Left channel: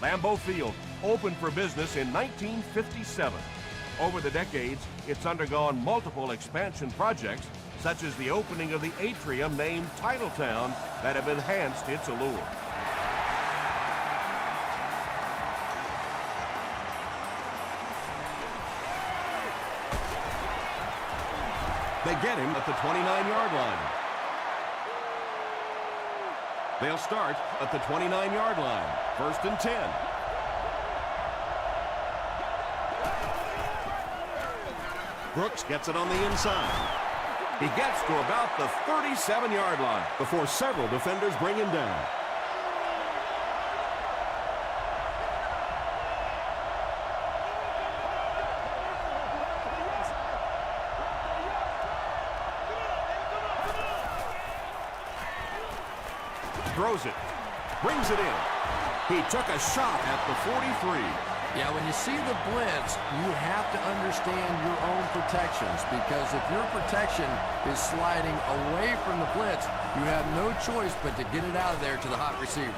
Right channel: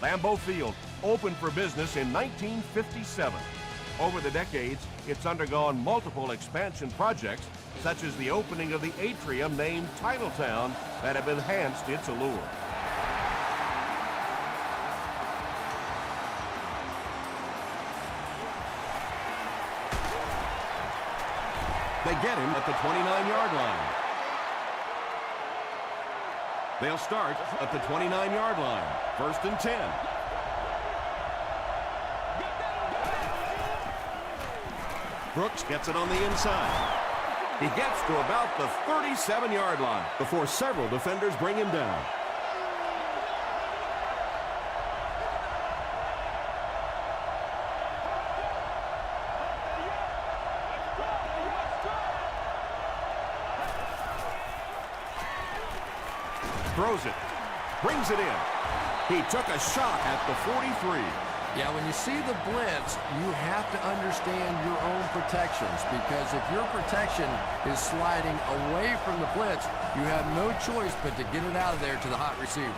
Lambeau Field opened for business in 1957. Over the decades, it's undergone multiple expansion projects, such as the opening of the atrium named Titletown, that have enhanced its allure. They get him at the 29-yard line. They'll start at the 29-yard line. 1st and 10. Brooks gets it on the inside. He gets to about the 37-yard line before several defenders bring him down. Throws it, brings it in. He took a shot at the 43. Yeah, when you see the blitz, you have to understand your own protections, because if your protection is sliding away from the blitz, you have no choice but to get it out of there to the hot receiver.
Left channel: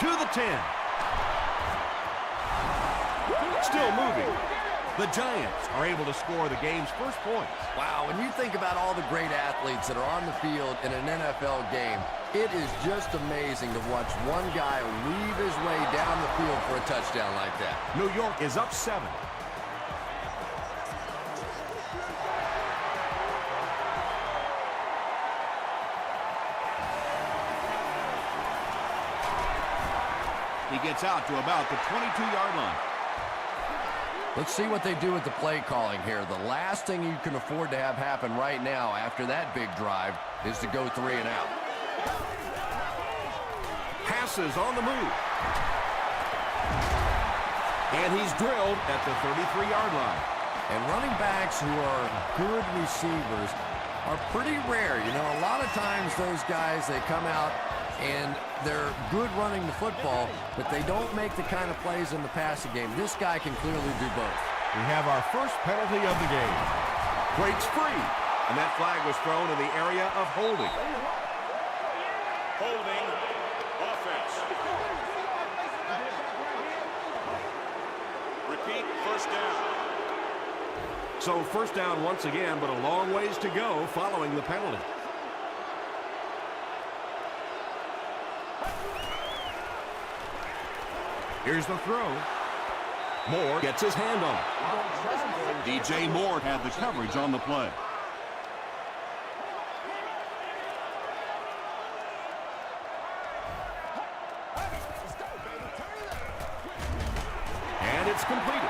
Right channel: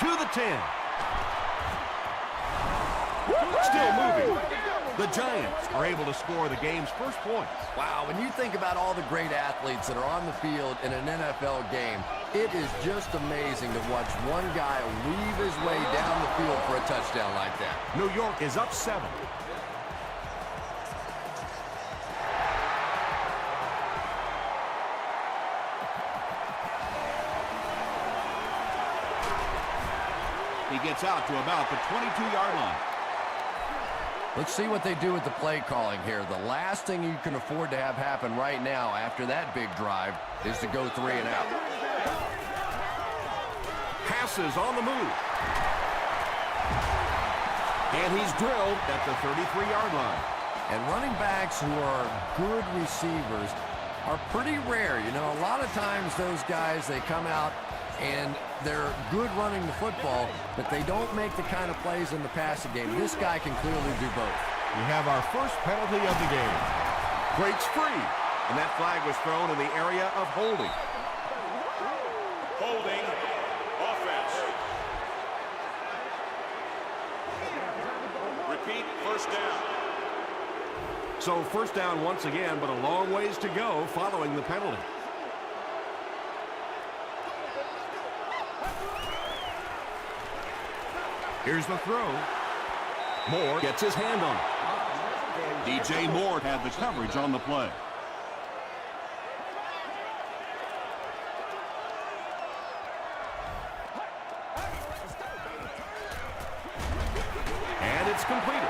To the 10. Still moving. The Giants are able to score the game's first points. Wow, when you think about all the great athletes that are on the field in an NFL game, it is just amazing to watch one guy weave his way down the field for a touchdown like that. New York is up 7. He gets out to about the 22-yard line. Let's see what they do with the play calling here. The last thing you can afford to have happen right now after that big drive is to go 3 and out. Passes on the move. And he's drilled at the 33-yard line. And running backs who are good receivers are pretty rare. You know, a lot of times those guys, they come out and they're good running the football, but they don't make the kind of plays in the passing game. This guy can clearly do both. We have our first penalty of the game. Breaks free, and that flag was thrown in the area of holding. So first down once again, but a long ways to go following the penalty. Here's the throw. Moore gets his hand on it. DJ Moore had the coverage on the play. And it's completed.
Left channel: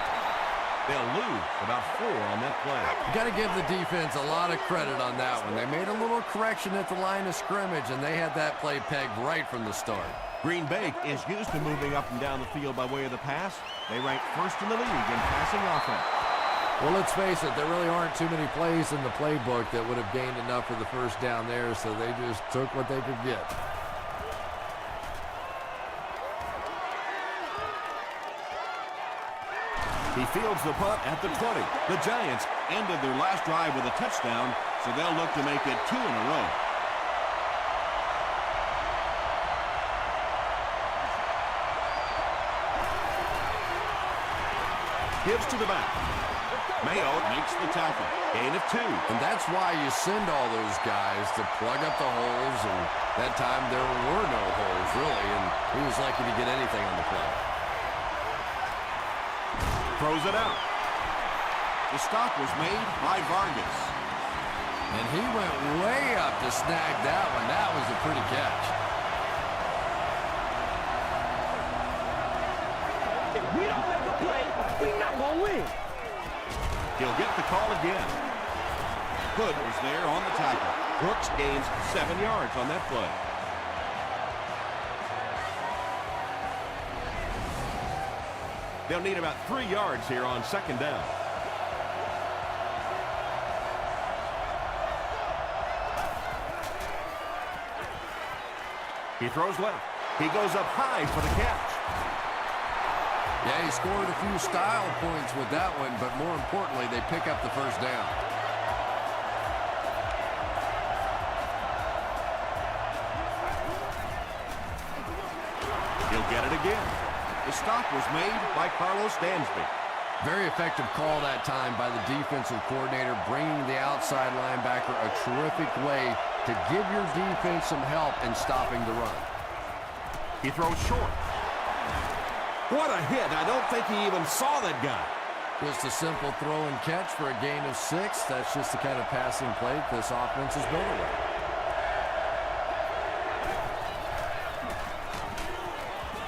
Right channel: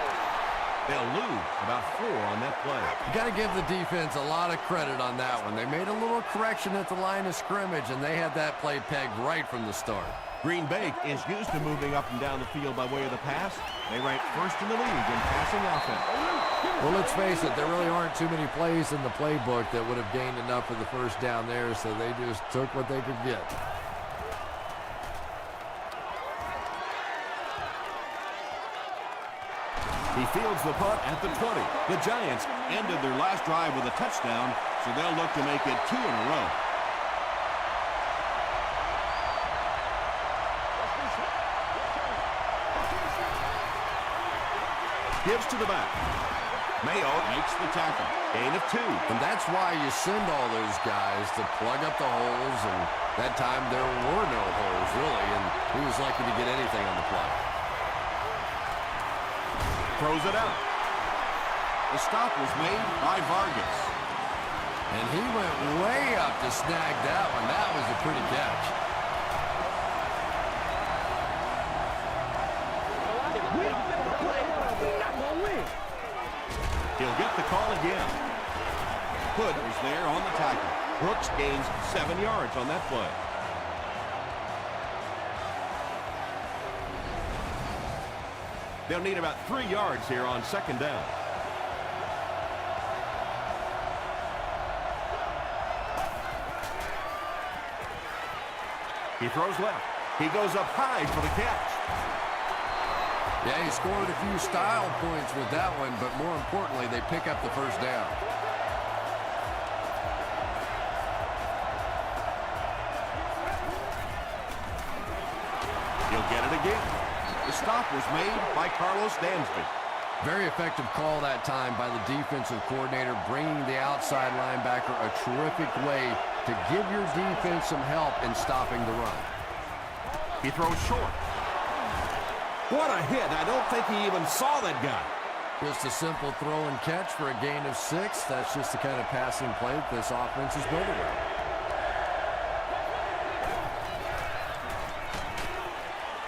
They'll lose about 4 on that play. You got to give the defense a lot of credit on that one. They made a little correction at the line of scrimmage, and they had that play pegged right from the start. Green Bay is used to moving up and down the field by way of the pass. They rank first in the league in passing offense. Well, let's face it, there really aren't too many plays in the playbook that would have gained enough for the first down there, so they just took what they could get. He fields the punt at the 20. The Giants ended their last drive with a touchdown, so they'll look to make it 2 in a row. Gives to the back. Mayo makes the tackle. Gain of 2. And that's why you send all those guys to plug up the holes, and that time there were no holes, really, and he was lucky to get anything on the play. Throws it out. The stop was made by Vargas. And he went way up to snag that one. That was a pretty catch. If we don't make a play, we're not going to win. He'll get the call again. Hood was there on the tackle. Brooks gains 7 yards on that play. They'll need about 3 yards here on second down. He throws left. He goes up high for the catch. Yeah, he scored a few style points with that one, but more importantly, they pick up the first down. get it again. The stop was made by Carlos Dansby. Very effective call that time by the defensive coordinator, bringing the outside linebacker a terrific way to give your defense some help in stopping the run. He throws short. What a hit. I don't think he even saw that guy. Just a simple throw and catch for a gain of 6. That's just the kind of passing play that this offense is built around.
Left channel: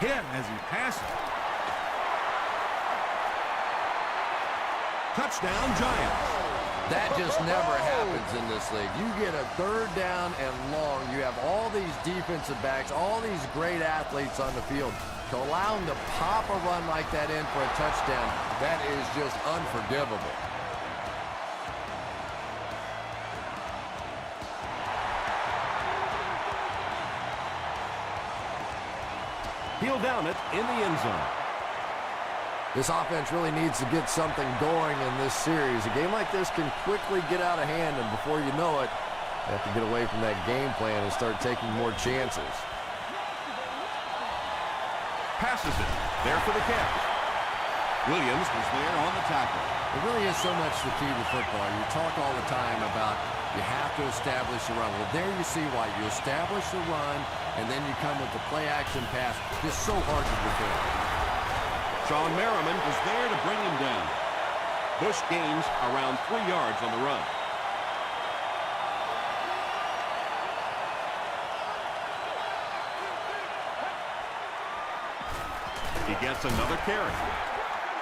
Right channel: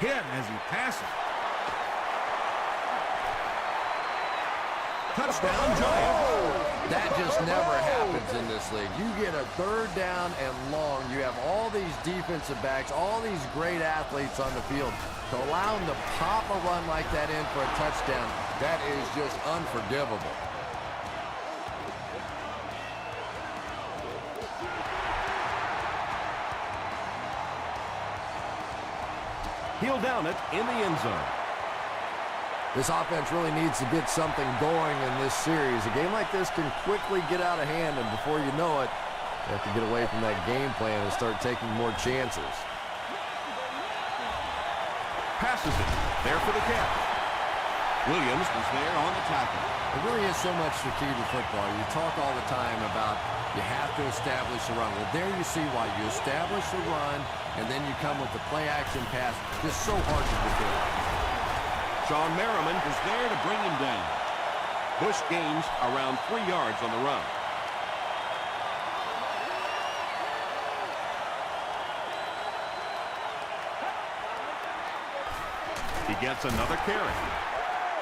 Hit as he passes. Touchdown, Giants. That just never happens in this league. You get a 3rd down and long. You have all these defensive backs, all these great athletes on the field. To allow them to pop a run like that in for a touchdown, that is just unforgivable. He'll down it in the end zone. This offense really needs to get something going in this series. A game like this can quickly get out of hand, and before you know it, you have to get away from that game plan and start taking more chances. Passes it. There for the catch. Williams was there on the tackle. It really is so much the key to football. You talk all the time about you have to establish the run. Well, there you see why. You establish the run, and then you come with the play-action pass. Just so hard to defend. Sean Merriman was there to bring him down. Bush gains around 3 yards on the run. He gets another carry.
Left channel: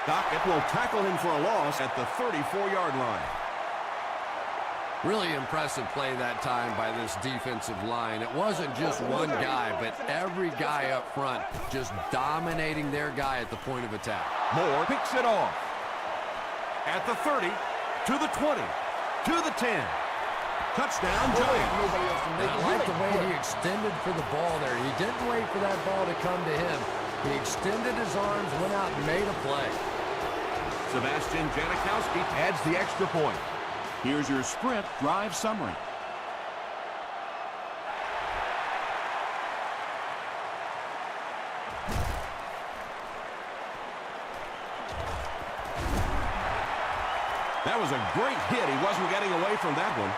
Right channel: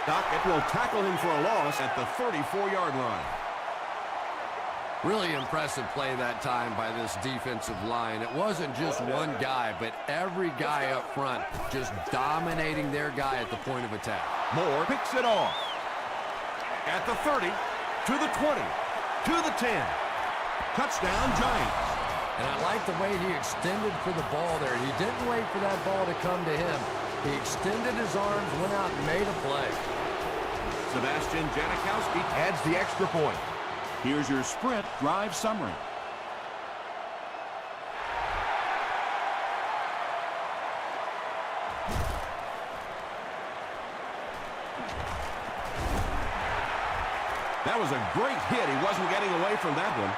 Dockett will tackle him for a loss at the 34-yard line. Really impressive play that time by this defensive line. It wasn't just one guy, but every guy up front just dominating their guy at the point of attack. Moore picks it off. At the 30, to the 20, to the 10. Touchdown, Giants. And I like the way he extended for the ball there. He didn't wait for that ball to come to him. He extended his arms, went out and made a play. Sebastian Janikowski adds the extra point. Here's your sprint drive summary. That was a great hit. He wasn't getting away from that one.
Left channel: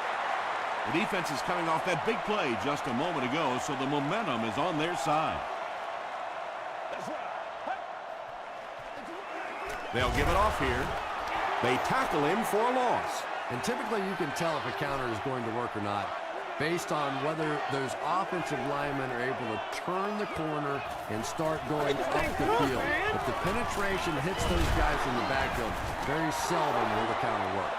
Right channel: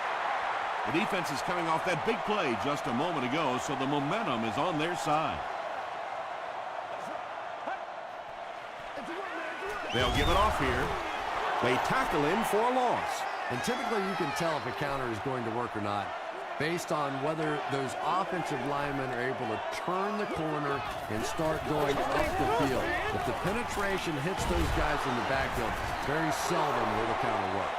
The defense is coming off that big play just a moment ago, so the momentum is on their side. They'll give it off here. They tackle him for a loss. And typically you can tell if a counter is going to work or not based on whether those offensive linemen are able to turn the corner and start going up the field. If the penetration hits those guys in the backfield, very seldom will the counter work.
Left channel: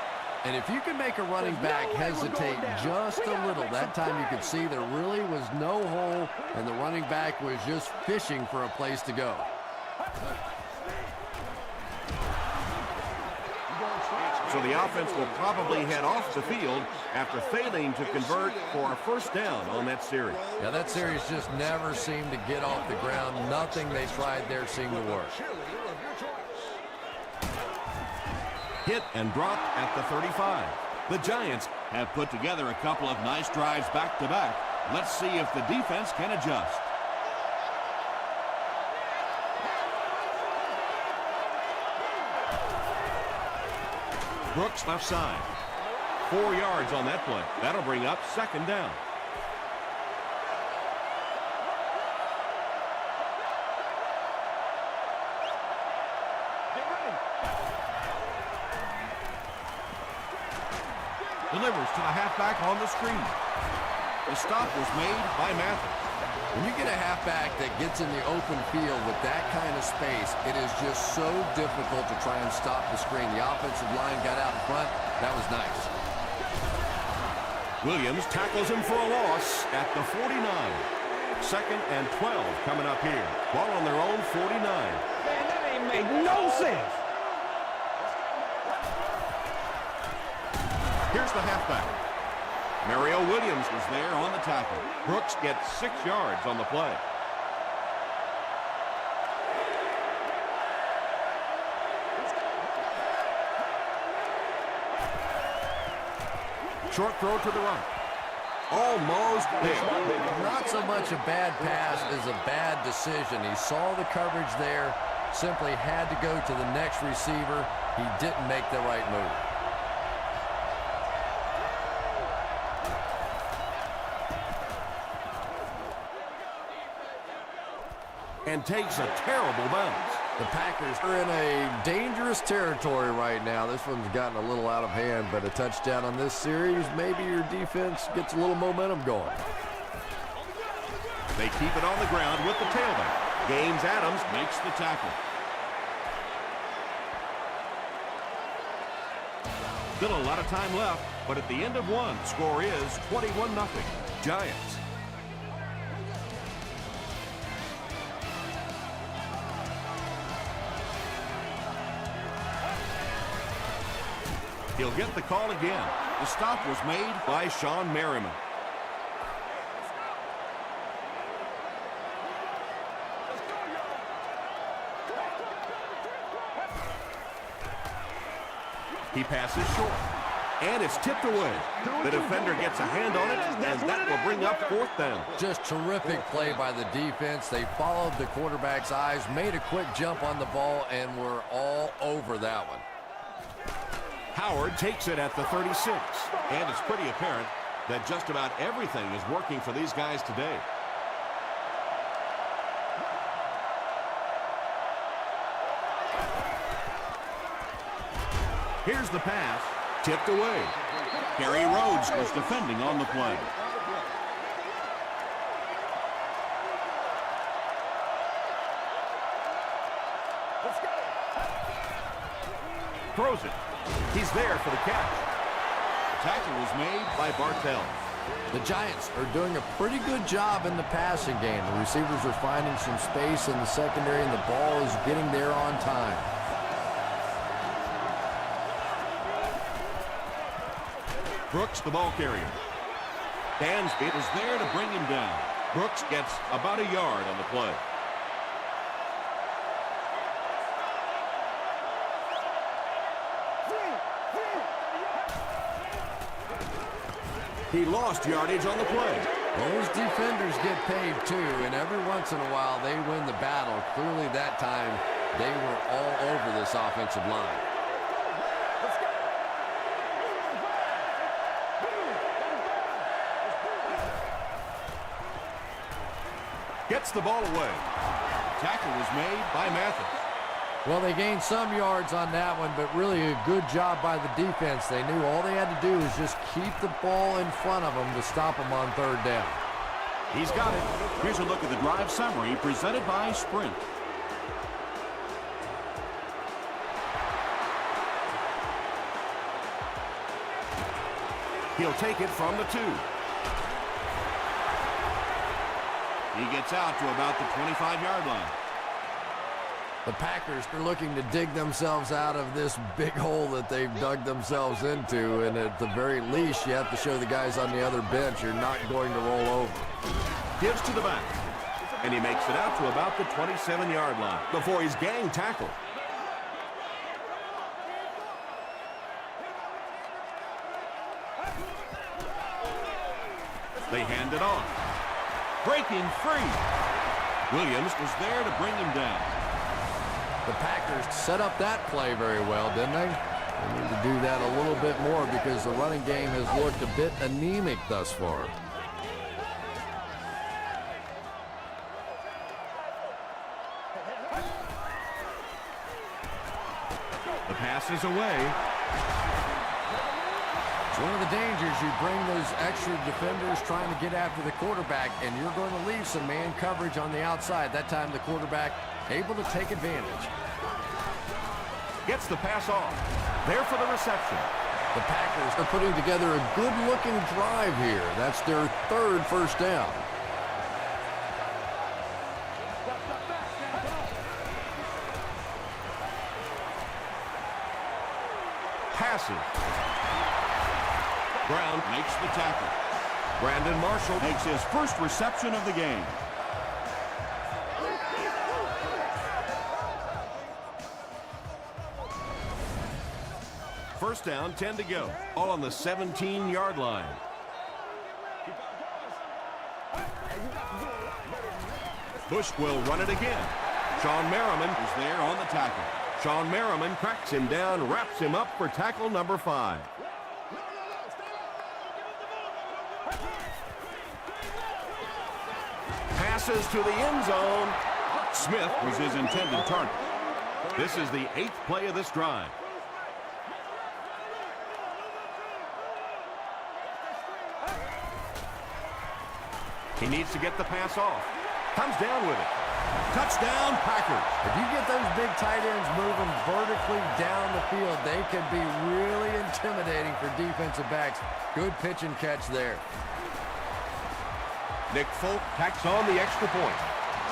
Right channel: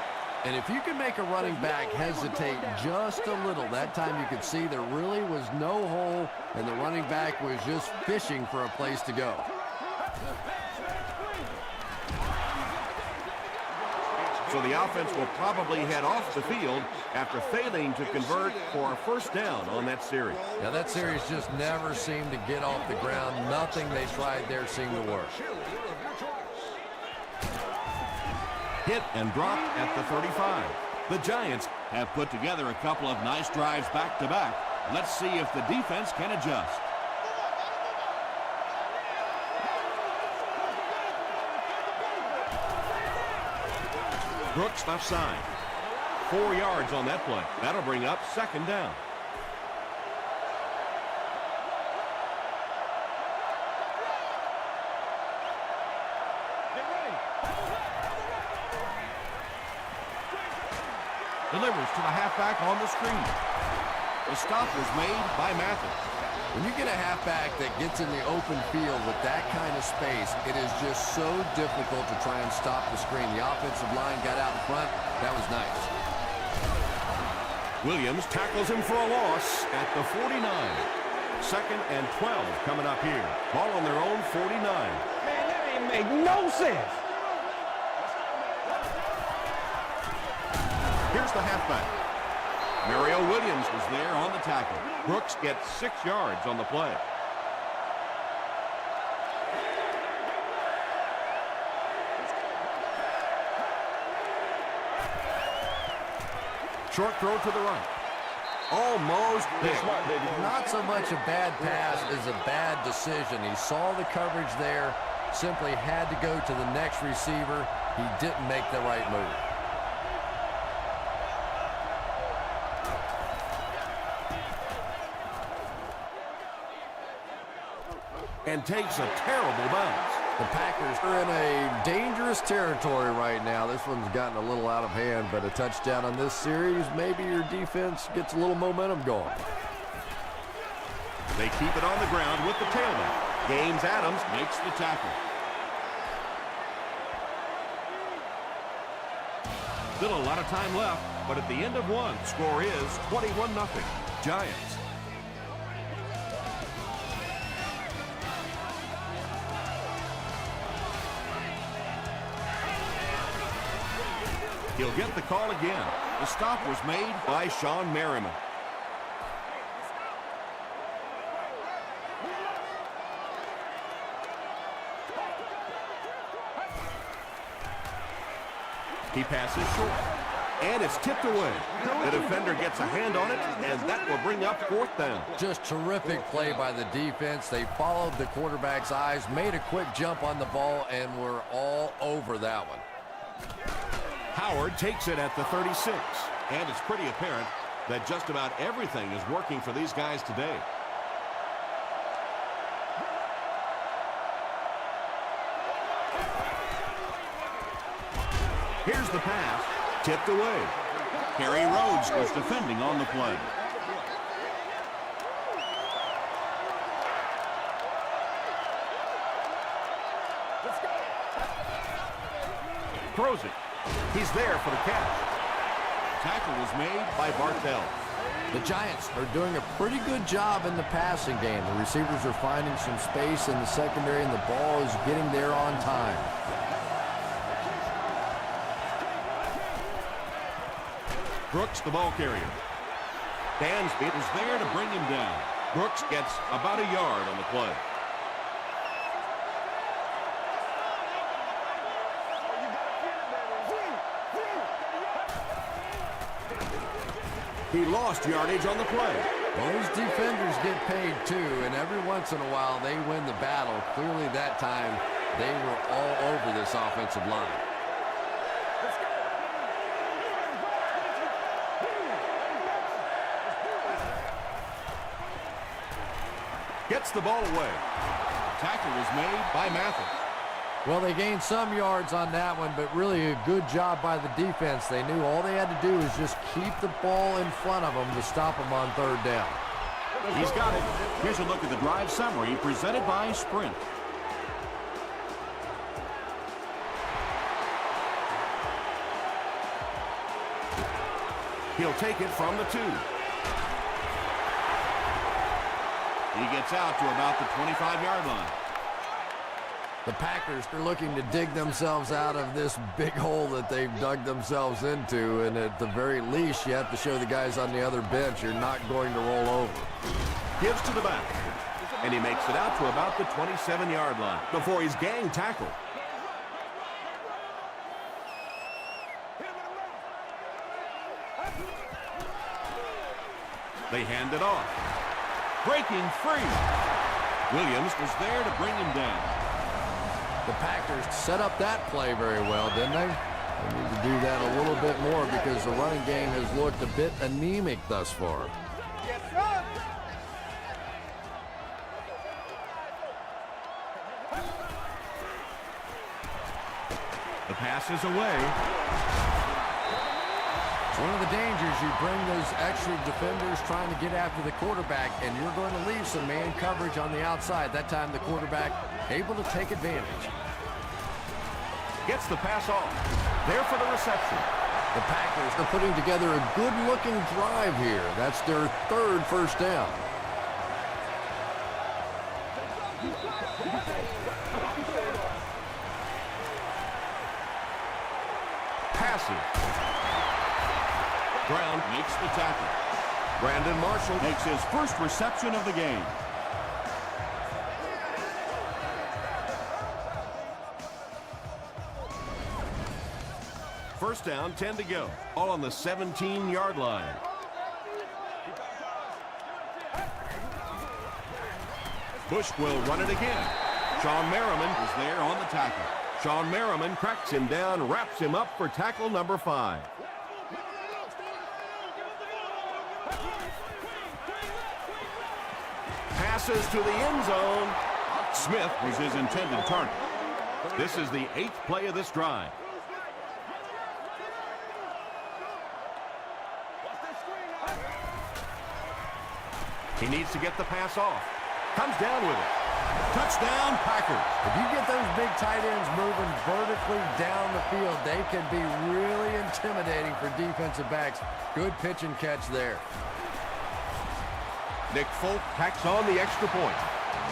And if you can make a running back hesitate just a little, that time you could see there really was no hole and the running back was just fishing for a place to go. So the offense will probably head off the field after failing to convert for a first down on that series. Yeah, that series just never seemed to get off the ground. Nothing they tried there seemed to work. Hit and dropped at the 35. The Giants have put together a couple of nice drives back-to-back. Let's see if the defense can adjust. Brooks left side. 4 yards on that play. That'll bring up second down. Get ready. Delivers to the halfback on the screen. The stop was made by Mathis. When you get a halfback that gets in the open field with that kind of space, it is just so difficult to try and stop the screen. The offensive line got out in front. That was nice. Williams tackles him for a loss at the 49. Second and 12 coming up here. Ball on their own 49. Man, that ain't make no sense. Here's the halfback. Mario Williams was there on the tackle. Brooks gets 6 yards on the play. Short throw to the right. Almost there. Smart, baby. Not so much a bad pass as a bad decision. He saw the coverage there, simply had to go to the next receiver. He didn't make the right move. And takes a terrible bounce. The Packers are in a dangerous territory right now. This one's gotten a little out of hand, but a touchdown on this series, maybe your defense gets a little momentum going. They keep it on the ground with the tailback. James Adams makes the tackle. Still a lot of time left, but at the end of one, the score is 21-0. Giants. He'll get the call again. The stop was made by Sean Merriman. He passes short, and it's tipped away. The defender gets a hand on it, and that will bring up fourth down. Just terrific play by the defense. They followed the quarterback's eyes, made a quick jump on the ball, and were all over that one. Howard takes it at the 36, and it's pretty apparent that just about everything is working for these guys today. Here's the pass, tipped away. Harry Rhodes was defending on the play. Let's go. Throws it. He's there for the catch. Tackle was made by Bartell. The Giants are doing a pretty good job in the passing game. The receivers are finding some space in the secondary, and the ball is getting there on time. Brooks, the ball carrier. Dansby is there to bring him down. Brooks gets about a yard on the play. He lost yardage on the play. Well, those defenders get paid too, and every once in a while they win the battle. Clearly that time they were all over this offensive line. Let's go. Gets the ball away. Tackle was made by Mathis. Well, they gained some yards on that one, but really a good job by the defense. They knew all they had to do was just keep the ball in front of them to stop them on third down. He's got it. Here's a look at the drive summary presented by Sprint. He'll take it from the 2. He gets out to about the 25-yard line. The Packers are looking to dig themselves out of this big hole that they've dug themselves into, and at the very least, you have to show the guys on the other bench you're not going to roll over. Gives to the back, and he makes it out to about the 27-yard line before he's gang tackled. They hand it off. Breaking free. Williams was there to bring him down. The Packers set up that play very well, didn't they? They need to do that a little bit more because the running game has looked a bit anemic thus far. The pass is away. It's one of the dangers. You bring those extra defenders trying to get after the quarterback, and you're going to leave some man coverage on the outside. That time the quarterback able to take advantage. Gets the pass off. There for the reception. The Packers are putting together a good-looking drive here. That's their third first down. Passes. Brown makes the tackle. Brandon Marshall makes his first reception of the game. First down, 10 to go. All on the 17-yard line. Keep Bush will run it again. Sean Merriman is there on the tackle. Sean Merriman cracks him down, wraps him up for tackle number 5. Passes to the end zone. Smith was his intended target. This is the 8th play of this drive. He needs to get the pass off. Comes down with it. Touchdown, Packers. If you get those big tight ends moving vertically down the field, they can be really intimidating for defensive backs. Good pitch and catch there. Nick Folk tacks on the extra point.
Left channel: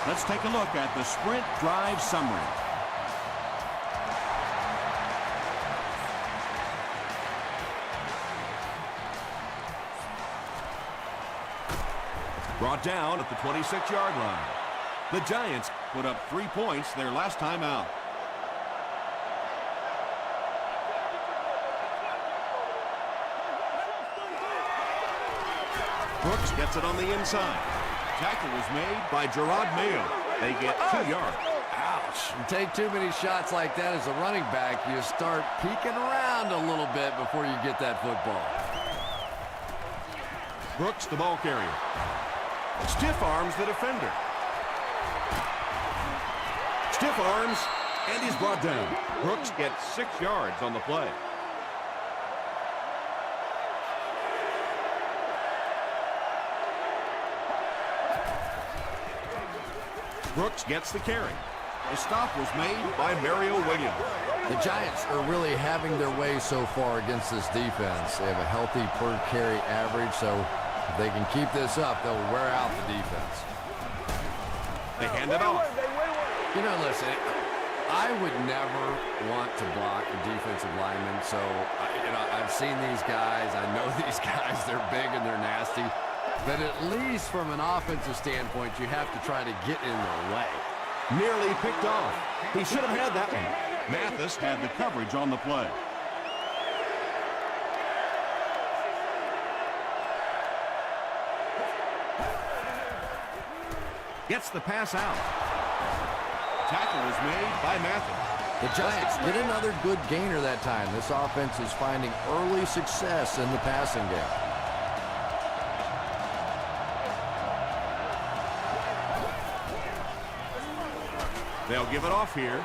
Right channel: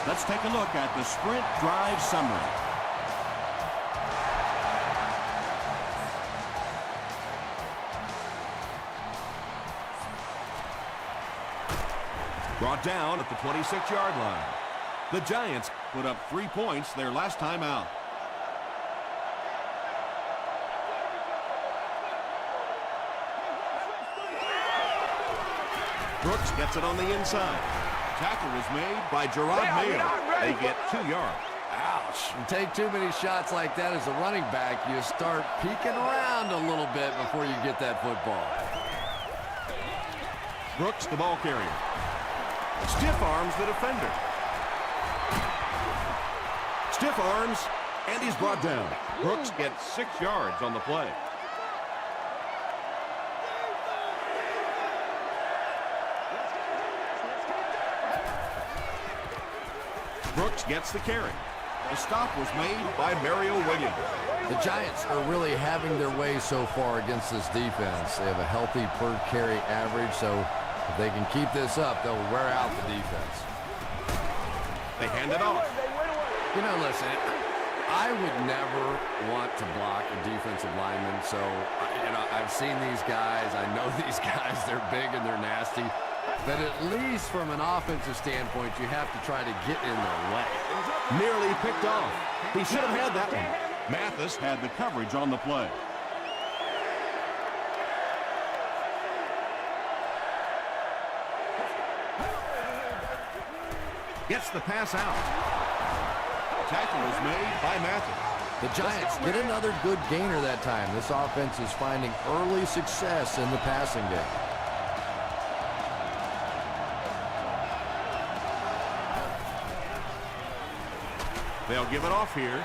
Let's take a look at the sprint drive summary. Brought down at the 26-yard line. The Giants put up 3 points their last time out. Brooks gets it on the inside. Tackle was made by Gerard Mayo. They get 2 yards. Ouch. You take too many shots like that as a running back, you start peeking around a little bit before you get that football. Brooks, the ball carrier. Stiff arms the defender. Stiff arms, and he's brought down. Brooks gets 6 yards on the play. Brooks gets the carry. The stop was made by Mario Williams. The Giants are really having their way so far against this defense. They have a healthy per carry average, so if they can keep this up, they'll wear out the defense. They hand it off. You know, listen, I would never want to block a defensive lineman, so, I've seen these guys. I know these guys. They're big and they're nasty. But at least from an offensive standpoint, you have to try to get in their way. Nearly picked off. He should have had that one. Mathis had the coverage on the play. Gets the pass out. Tackle was made by Mathis. The Giants get another good gainer that time. This offense is finding early success in the passing game. They'll give it off here.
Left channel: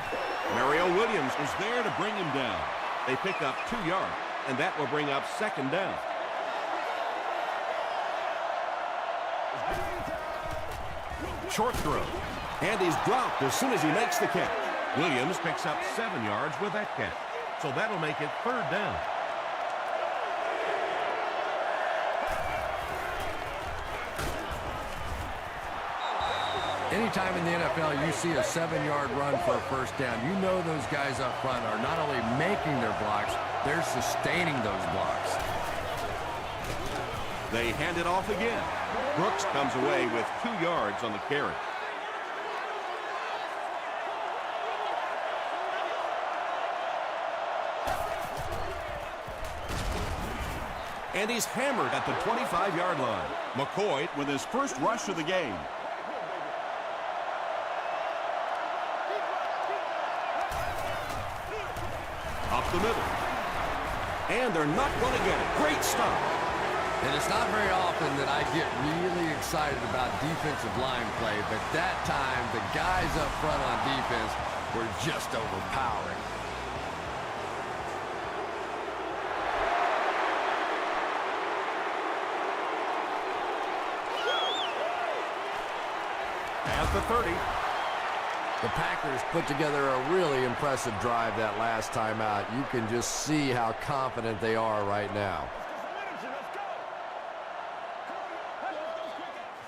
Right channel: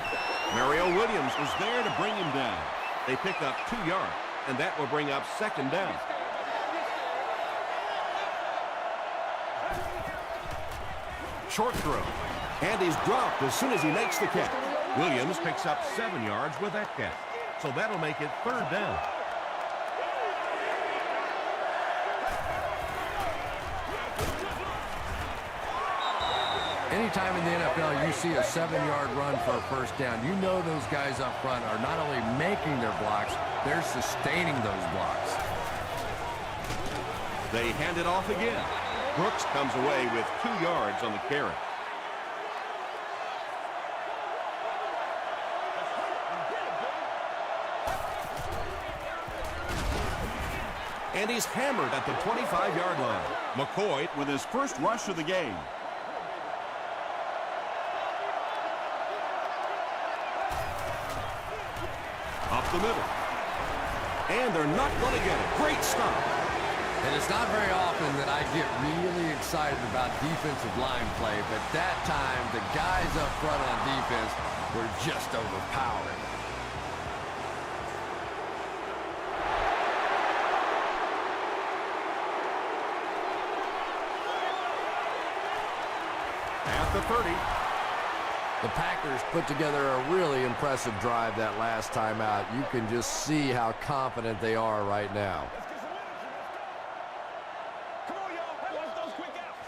Mario Williams was there to bring him down. They pick up 2 yards, and that will bring up 2nd down. Short throw. And he's dropped as soon as he makes the catch. Williams picks up 7 yards with that catch. So that'll make it 3rd down. Anytime in the NFL you see a 7-yard run for a first down, you know those guys up front are not only making their blocks, they're sustaining those blocks. They hand it off again. Brooks comes away with 2 yards on the carry. And he's hammered at the 25-yard line. McCoy with his first rush of the game. Up the middle. And they're not going to get it. Great stop. And it's not very often that I get really excited about defensive line play, but that time the guys up front on defense were just overpowering. At the 30. The Packers put together a really impressive drive that last time out. You can just see how confident they are right now. Let's get some energy. Let's go. Come on, y'all. Watch those quick outs.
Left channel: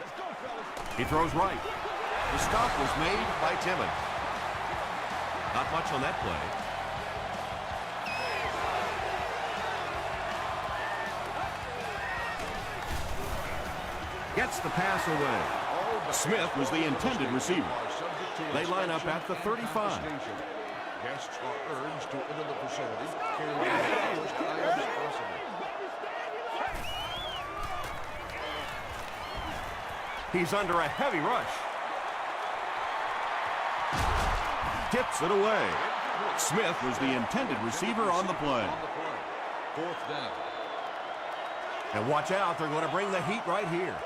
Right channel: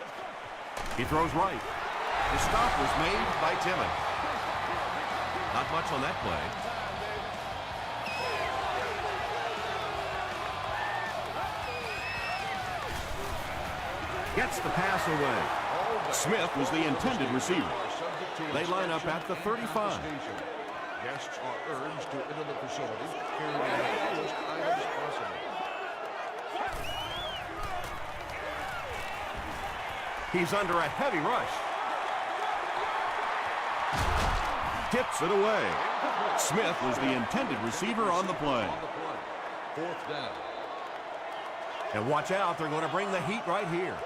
Let's go, fellas. He throws right. The stop was made by Timmons. Not much on that play. Gets the pass away. Smith was the intended receiver. They line up at the 35. Guests are urged to enter the facility carrying as most items possible. He's under a heavy rush. Tips it away. Smith was the intended receiver on the play. Fourth down. And watch out, they're going to bring the heat right here.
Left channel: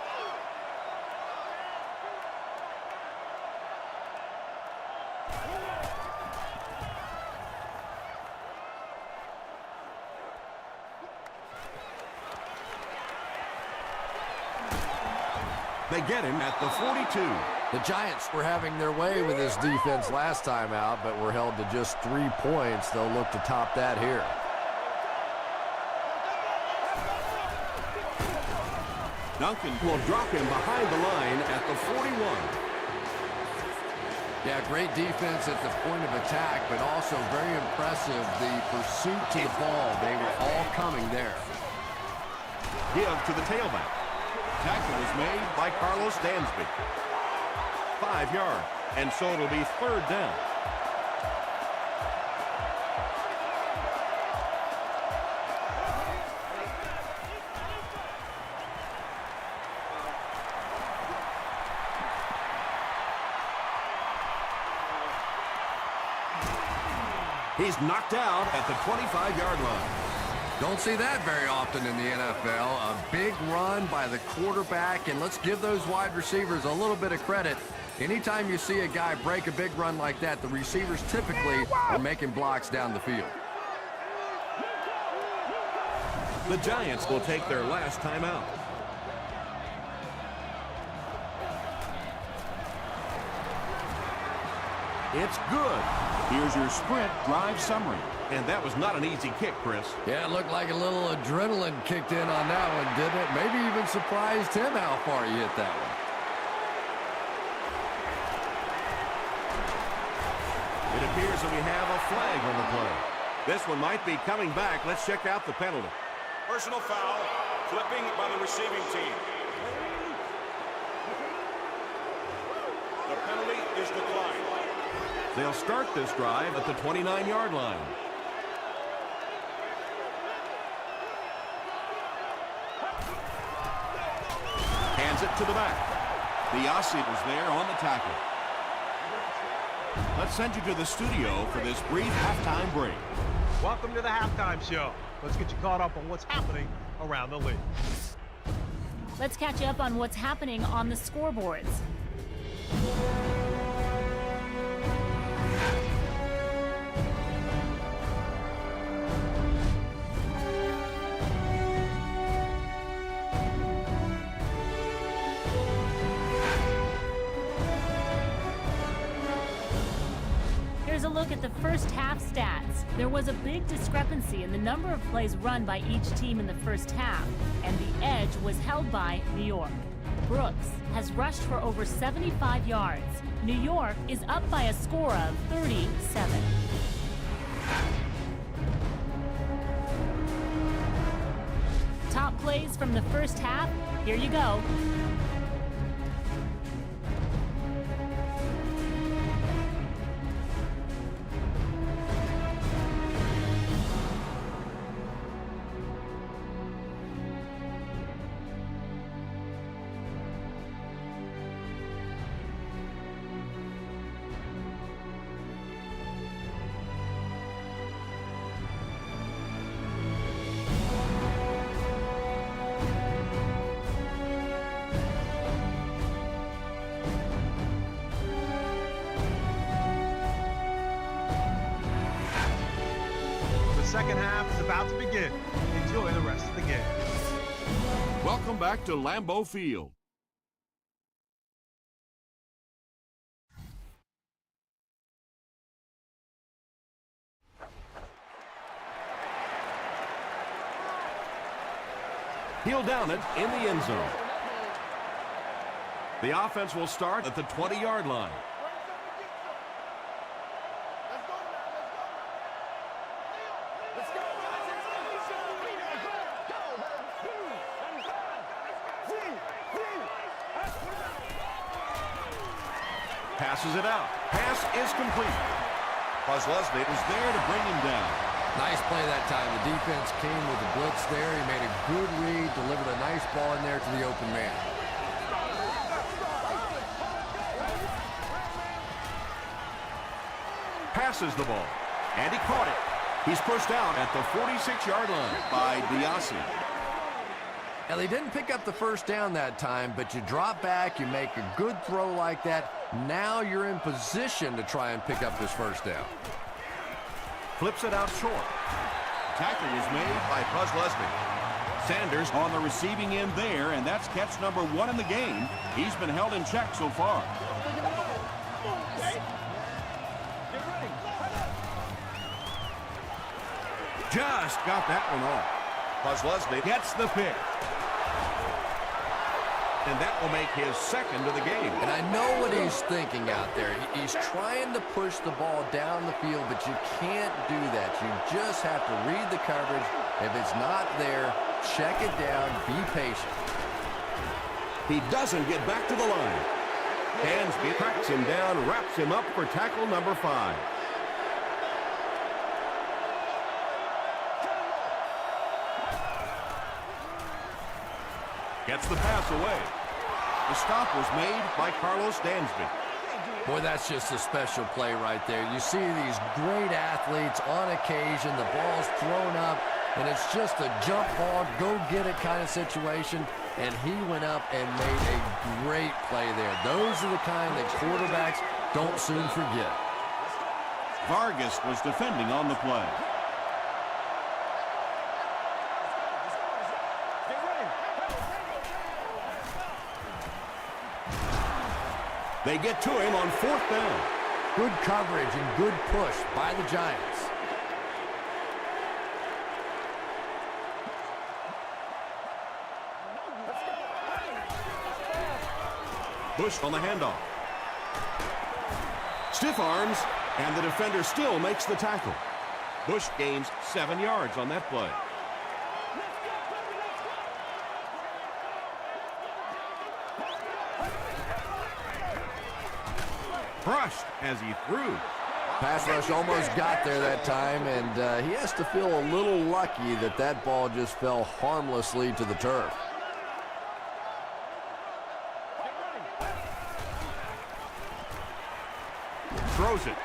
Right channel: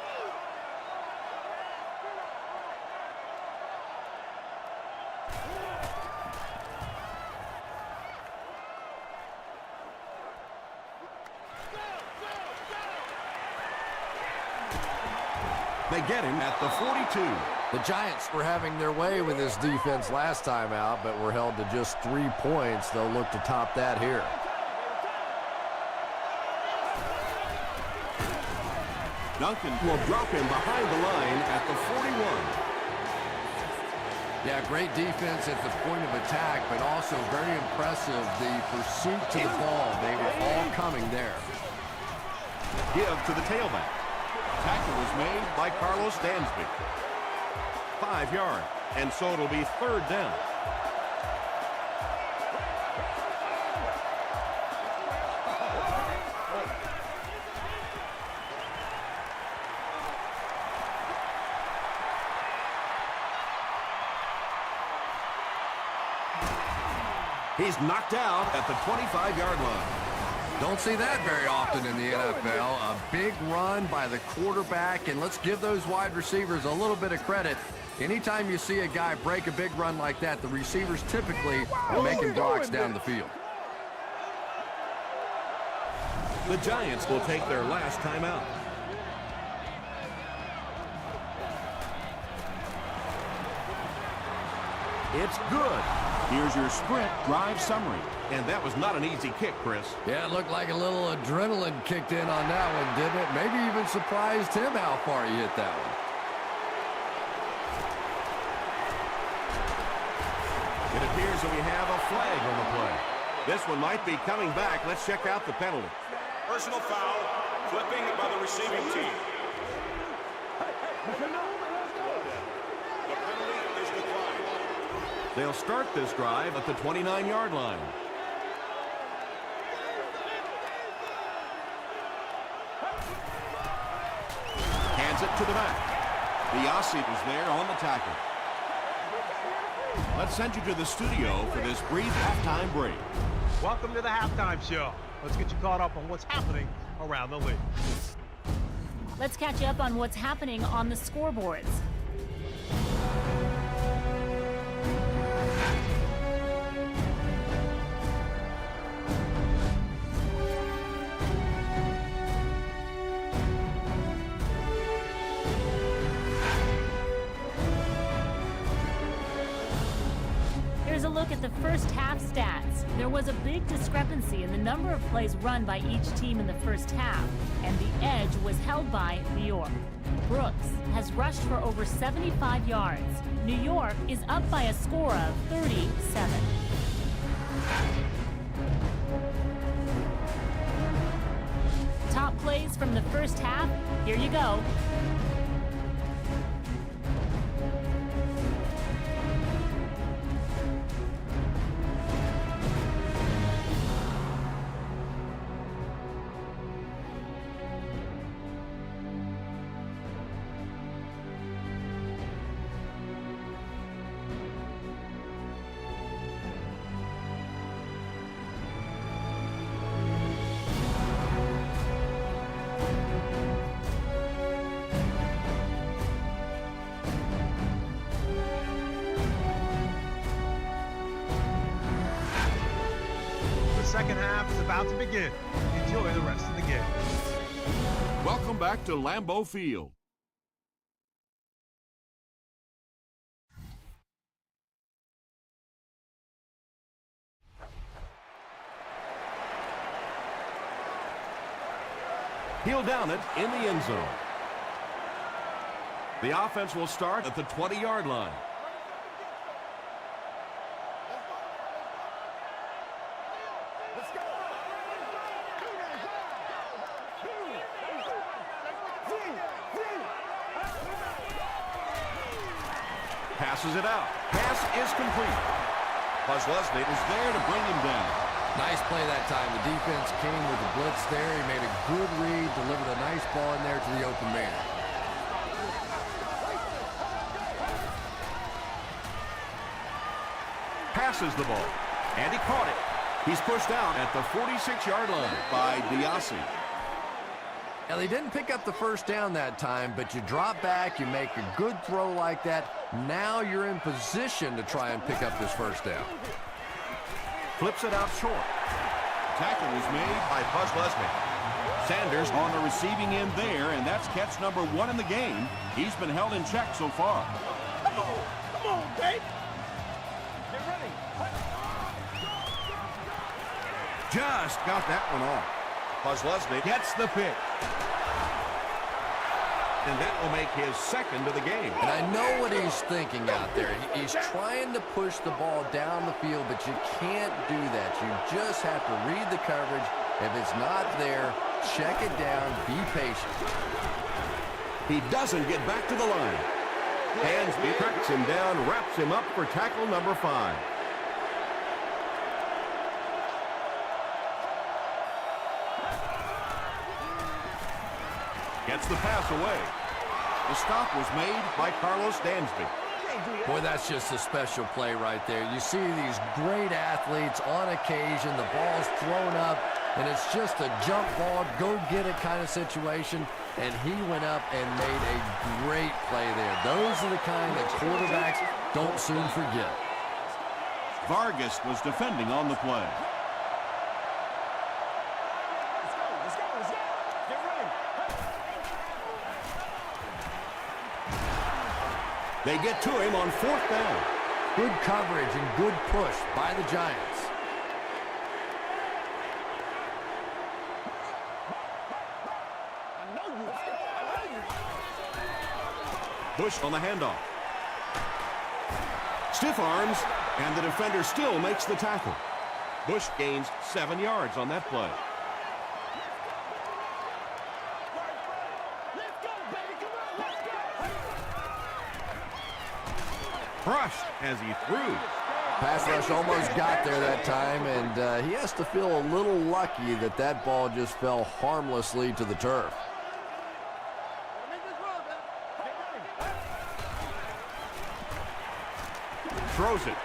They get him at the 42. The Giants were having their way with this defense last time out, but were held to just 3 points. They'll look to top that here. Duncan will drop him behind the line at the 41. Yeah, great defense at the point of attack, but also very impressive the pursuit to the ball. They were all coming there. Give to the tailback. Tackle was made by Carlos Dansby. 5 yards, and so it'll be third down. He's knocked out at the 25-yard line. Don't see that very often in the NFL. A big run by the quarterback, and let's give those wide receivers a little bit of credit. Anytime you see a guy break a big run like that, the receivers typically are making blocks down the field. The Giants will take their last timeout. It's good. Here's your sprint drive summary. And that was not an easy kick, Chris. Yeah, it looked like a little adrenaline kicked in on that one, didn't it? Maybe even surprised him how far he hit that one. It appears that we have a flag on the play. This one might be coming back. Let's check out the penalty. The penalty is declined. They'll start this drive at the 29-yard line. Hands it to the back. Biasi was there on the tackle. Let's send you to the studio for this brief halftime break. Welcome to the halftime show. Let's get you caught up on what's happening around the league. Let's catch you up on what's happening on the scoreboards. Here's a look at the first half stats. There was a big discrepancy in the number of plays run by each team in the first half, and the edge was held by New York. Brooks has rushed for over 75 yards. New York is up by a score of 37. Top plays from the first half, here you go. Second half is about to begin. Enjoy the rest of the game. Welcome back to Lambeau Field. He'll down it in the end zone. The offense will start at the 20-yard line. Passes it out. Pass is complete. Posluszny is there to bring him down. Nice play that time. The defense came with the blitz there. He made a good read, delivered a nice ball in there to the open man. passes the ball. And he caught it. He's pushed out at the 46-yard line By Diassi. Now, they didn't pick up the first down that time, but you drop back, you make a good throw like that. Now you're in position to try and pick up this first down. Flips it out short. Tackle was made By Buzz Leslie. Sanders on the receiving end there, and that's catch number 1 in the game. He's been held in check so far. Come on, baby. Get ready. Just got that one off. Buzz Leslie gets the pick. And that will make his second of the game. And I know what he's thinking out there. He's trying to push the ball down the field, but you can't do that. You just have to read the coverage. If it's not there, check it down, be patient. He doesn't get back to the line. Dansby tracks him down, wraps him up for tackle number 5. Gets the pass away. The stop was made By Carlos Dansby. Boy, that's just a special play right there. You see these great athletes on occasion, the ball's thrown up, and it's just a jump ball, go get it kind of situation, and he went up and made a great play there. Those are the kind that quarterbacks don't soon forget. Vargas was defending on the play. Let's go. Get ready. They get to him on 4th down. Good coverage and good push by the Giants. Bush on the handoff. Stiff arms, and the defender still makes the tackle. Bush gains 7 yards on that play. Crushed as he threw. Pass rush almost got there that time, and he has to feel a little lucky that that ball just fell harmlessly to the turf. Throws it.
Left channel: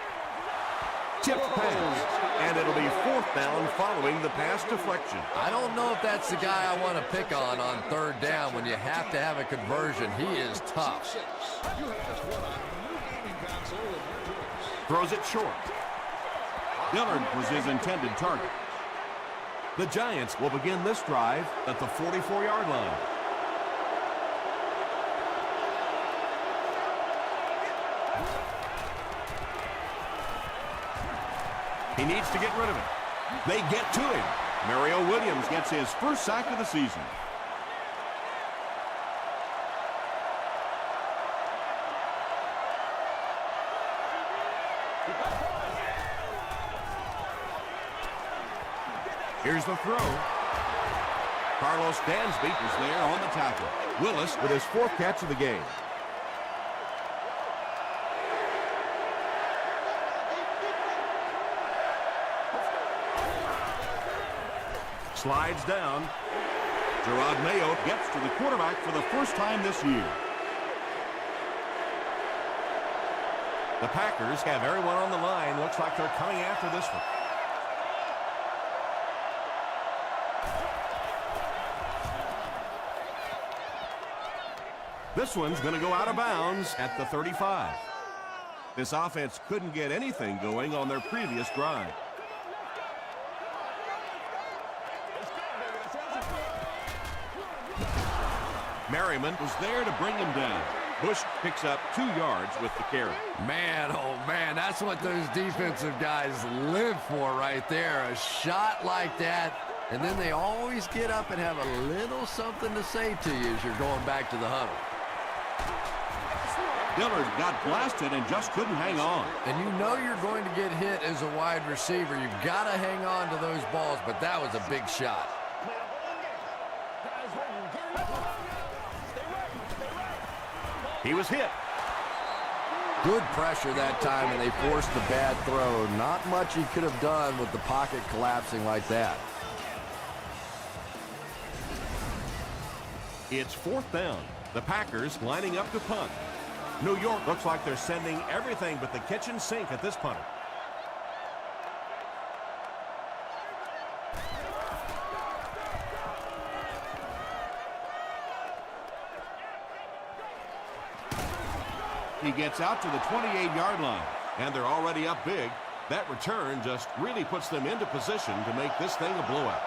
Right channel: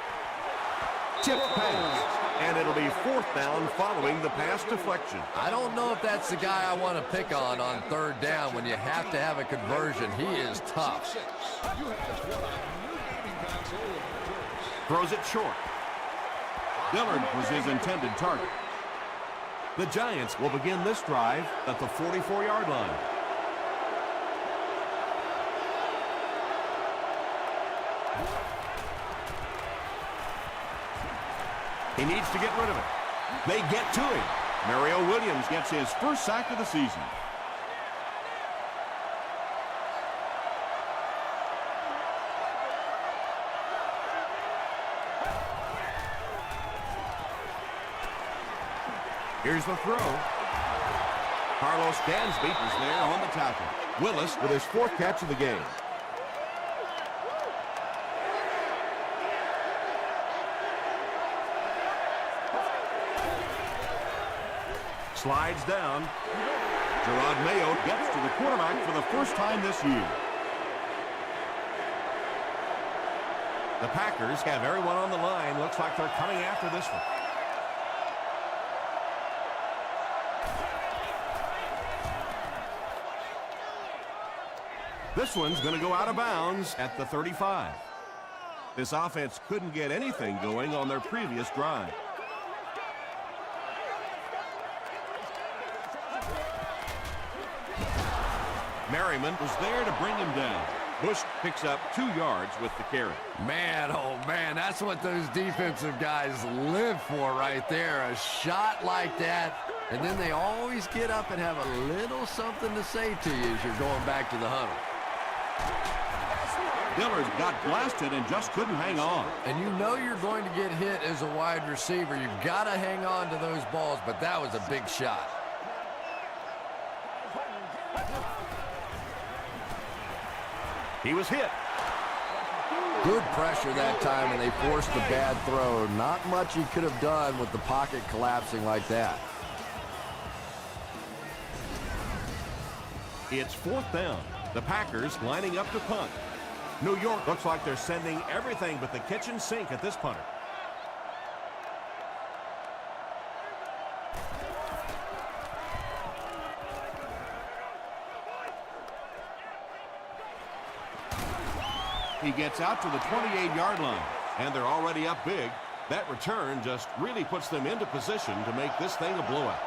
Tipped pass. And it'll be 4th down following the pass deflection. I don't know if that's the guy I want to pick on 3rd down when you have to have a conversion. He is tough. Throws it short. Dillard was his intended target. The Giants will begin this drive at the 44-yard line. He needs to get rid of it. They get to him. Mario Williams gets his first sack of the season. Here's the throw. Carlos Dansby is there on the tackle. Willis with his 4th catch of the game. Slides down. Gerard Mayo gets to the quarterback for the first time this year. The Packers have everyone on the line. Looks like they're coming after this one. This one's going to go out of bounds at the 35. This offense couldn't get anything going on their previous drive. Merriman was there to bring him down. Bush picks up 2 yards with the carry. Man, oh man, that's what those defensive guys live for right there. A shot like that, and then they always get up and have a little something to say to you as you're going back to the huddle. Dillard got blasted and just couldn't hang on. And you know you're going to get hit as a wide receiver. You've got to hang on to those balls, but that was a big shot. He was hit. Good pressure that time, and they forced the bad throw. Not much he could have done with the pocket collapsing like that. It's 4th down. The Packers lining up to punt. New York looks like they're sending everything but the kitchen sink at this punter. He gets out to the 28-yard line, and they're already up big. That return just really puts them into position to make this thing a blowout.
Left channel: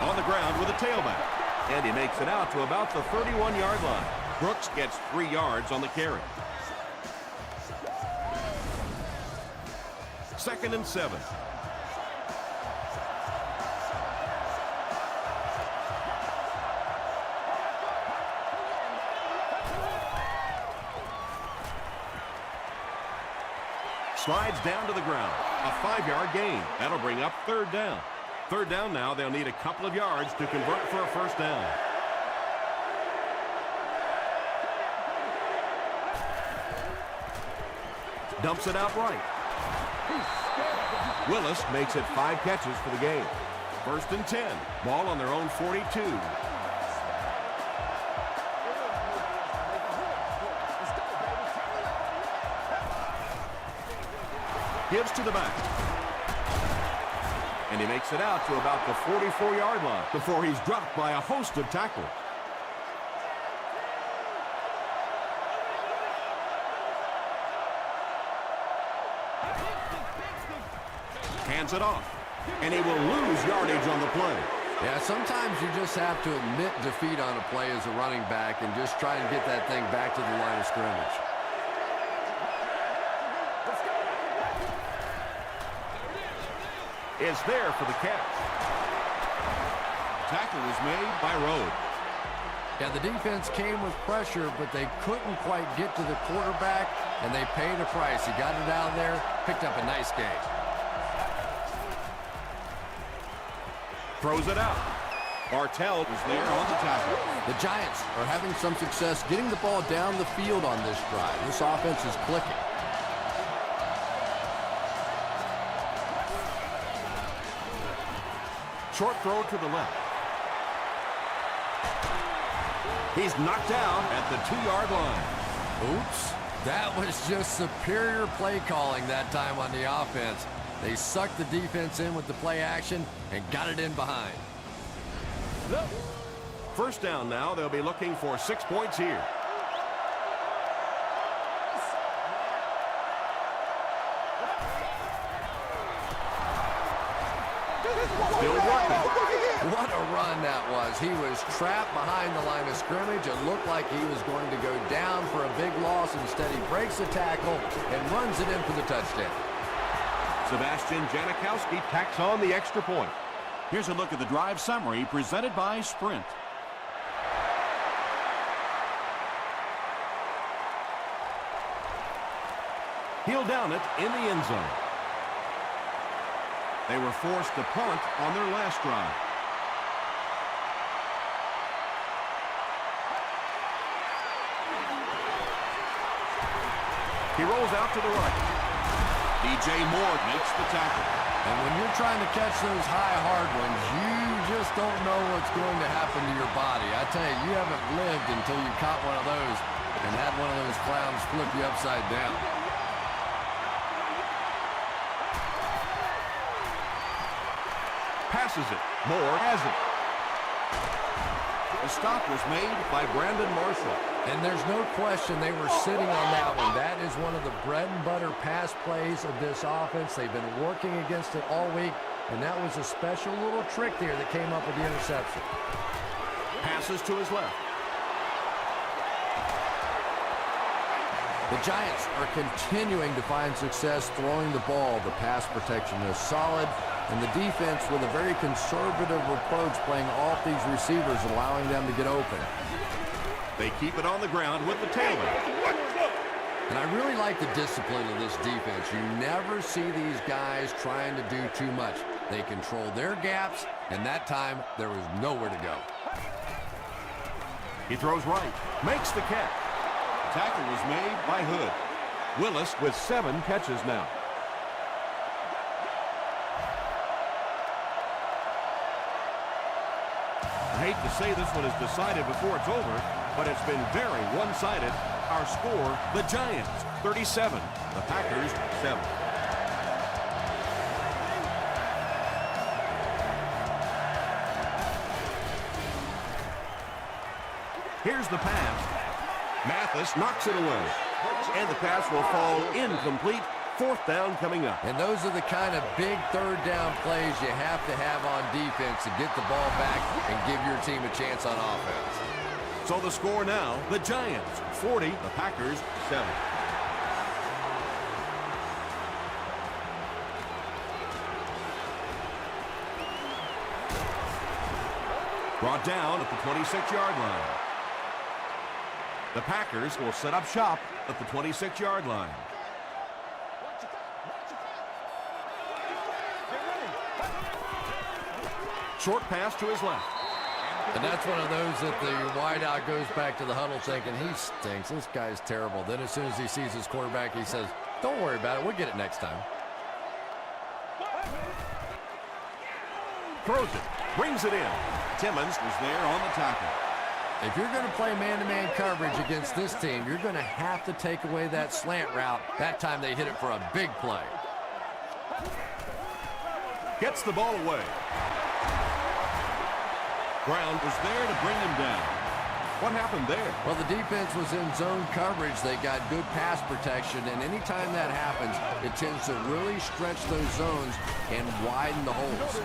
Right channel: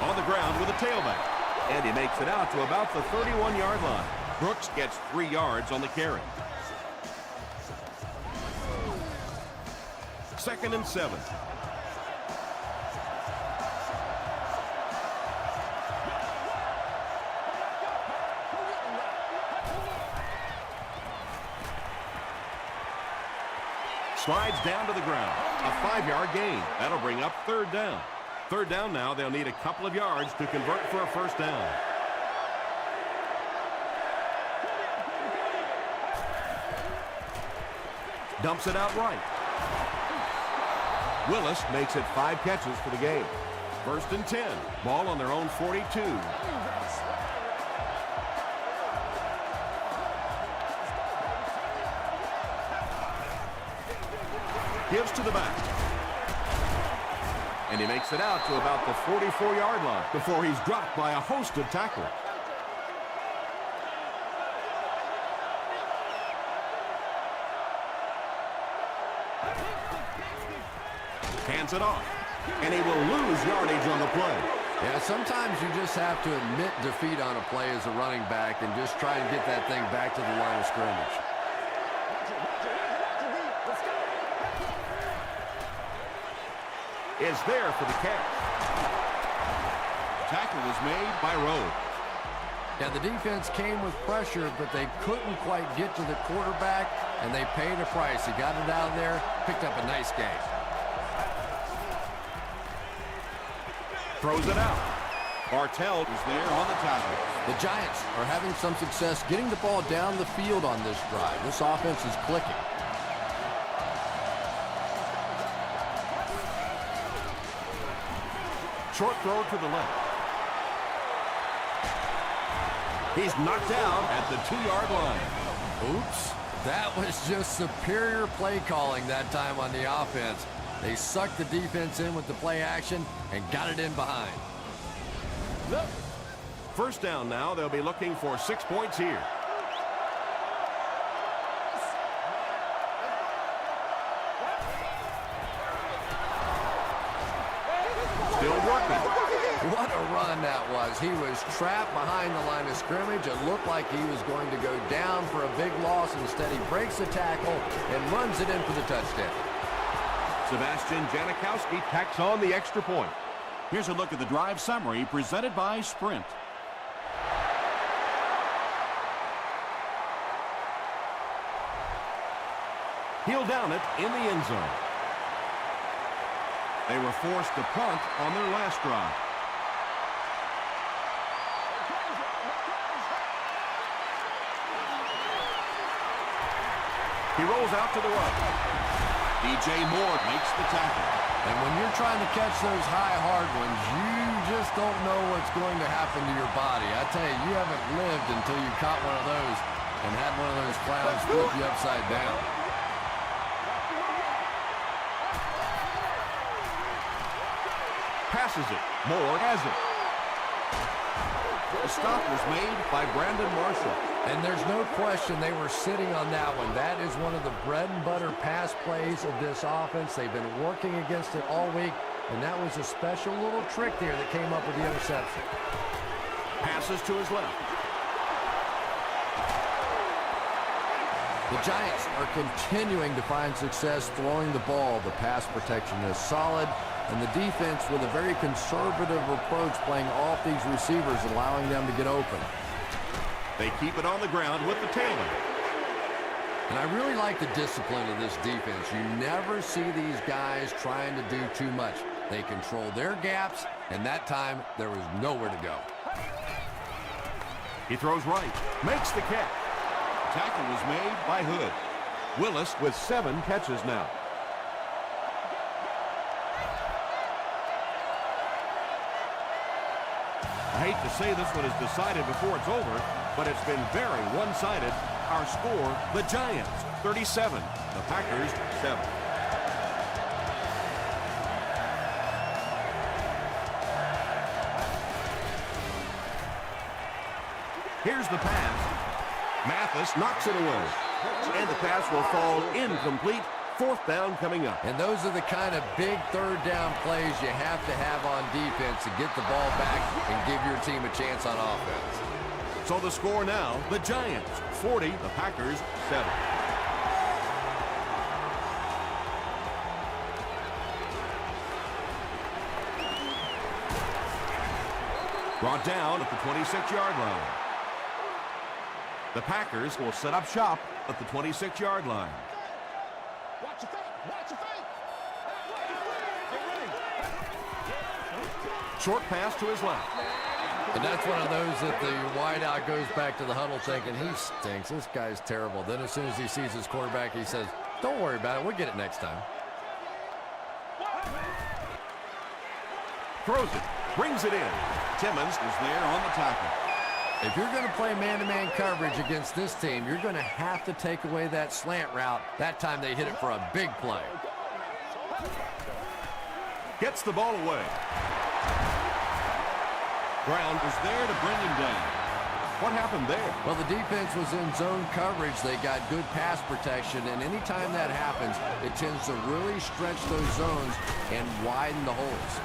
On the ground with a tailback. And he makes it out to about the 31-yard line. Brooks gets 3 yards on the carry. 2nd and 7. Slides down to the ground. A 5-yard gain. That'll bring up 3rd down. 3rd down now. They'll need a couple of yards to convert for a 1st down. Dumps it out right. Willis makes it 5 catches for the game. 1st and 10. Ball on their own 42. Gives to the back. And he makes it out to about the 44-yard line before he's dropped by a host of tacklers. Hands it off. And he will lose yardage on the play. Yeah, sometimes you just have to admit defeat on a play as a running back and just try and get that thing back to the line of scrimmage. Is there for the catch. Tackle was made by Rhodes. Yeah, the defense came with pressure, but they couldn't quite get to the quarterback, and they paid a price. He got it out there, picked up a nice game. Throws it out. Bartell was there on the tackle. The Giants are having some success getting the ball down the field on this drive. This offense is clicking. Short throw to the left. He's knocked out at the 2-yard line. Oops. That was just superior play calling that time on the offense. They sucked the defense in with the play action and got it in behind. Look. 1st down now. They'll be looking for 6 points here. Still working. What a run that was. He was trapped behind the line of scrimmage. It looked like he was going to go down for a big loss. Instead, he breaks the tackle and runs it in for the touchdown. Sebastian Janikowski tacks on the extra point. Here's a look at the drive summary presented by Sprint. He'll down it in the end zone. They were forced to punt on their last drive. He rolls out to the right. DJ Moore makes the tackle. And when you're trying to catch those high, hard ones, you just don't know what's going to happen to your body. I tell you, you haven't lived until you caught one of those and had one of those clowns flip you upside down. Passes it. Moore has it. The stop was made by Brandon Marshall. And there's no question they were sitting on that one. That is one of the bread and butter pass plays of this offense. They've been working against it all week, and that was a special little trick there that came up with the interception. Passes to his left. The Giants are continuing to find success throwing the ball. The pass protection is solid, and the defense with a very conservative approach playing off these receivers, allowing them to get open. They keep it on the ground with the tailback. And I really like the discipline of this defense. You never see these guys trying to do too much. They control their gaps, and that time there was nowhere to go. He throws right. Makes the catch. The tackle was made by Hood. Willis with 7 catches now. I hate to say this one is decided before it's over, but it's been very one-sided. Our score, the Giants, 37. The Packers, 7. Here's the pass. Mathis knocks it away. And the pass will fall incomplete. Fourth down coming up. And those are the kind of big third down plays you have to have on defense to get the ball back and give your team a chance on offense. So the score now, the Giants 40, the Packers 7. Brought down at the 26-yard line. The Packers will set up shop at the 26-yard line. Watch your feet. Watch your feet. Get ready. Short pass to his left. And that's one of those that the wideout goes back to the huddle thinking, he stinks. This guy's terrible. Then as soon as he sees his quarterback, he says, don't worry about it. We'll get it next time. Throws it. Brings it in. Timmons was there on the tackle. If you're going to play man-to-man coverage against this team, you're going to have to take away that slant route. That time they hit it for a big play. Gets the ball away. Brown was there to bring him down. What happened there? Well, the defense was in zone coverage. They got good pass protection, and anytime that happens, it tends to really stretch those zones and widen the holes.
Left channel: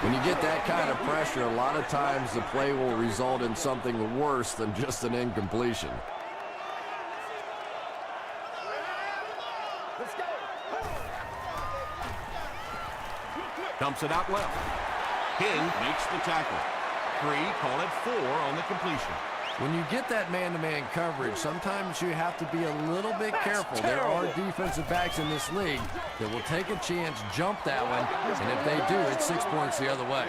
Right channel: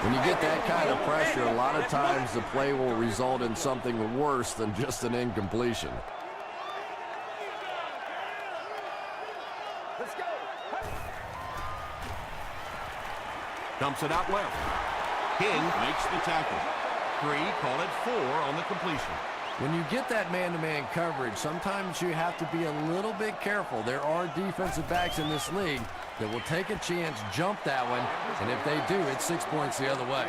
When you get that kind of pressure, a lot of times the play will result in something worse than just an incompletion. Let's go. Dumps it out left. King makes the tackle. 3, call it 4 on the completion. When you get that man-to-man coverage, sometimes you have to be a little bit careful. There are defensive backs in this league that will take a chance, jump that one, and if they do, it's 6 points the other way.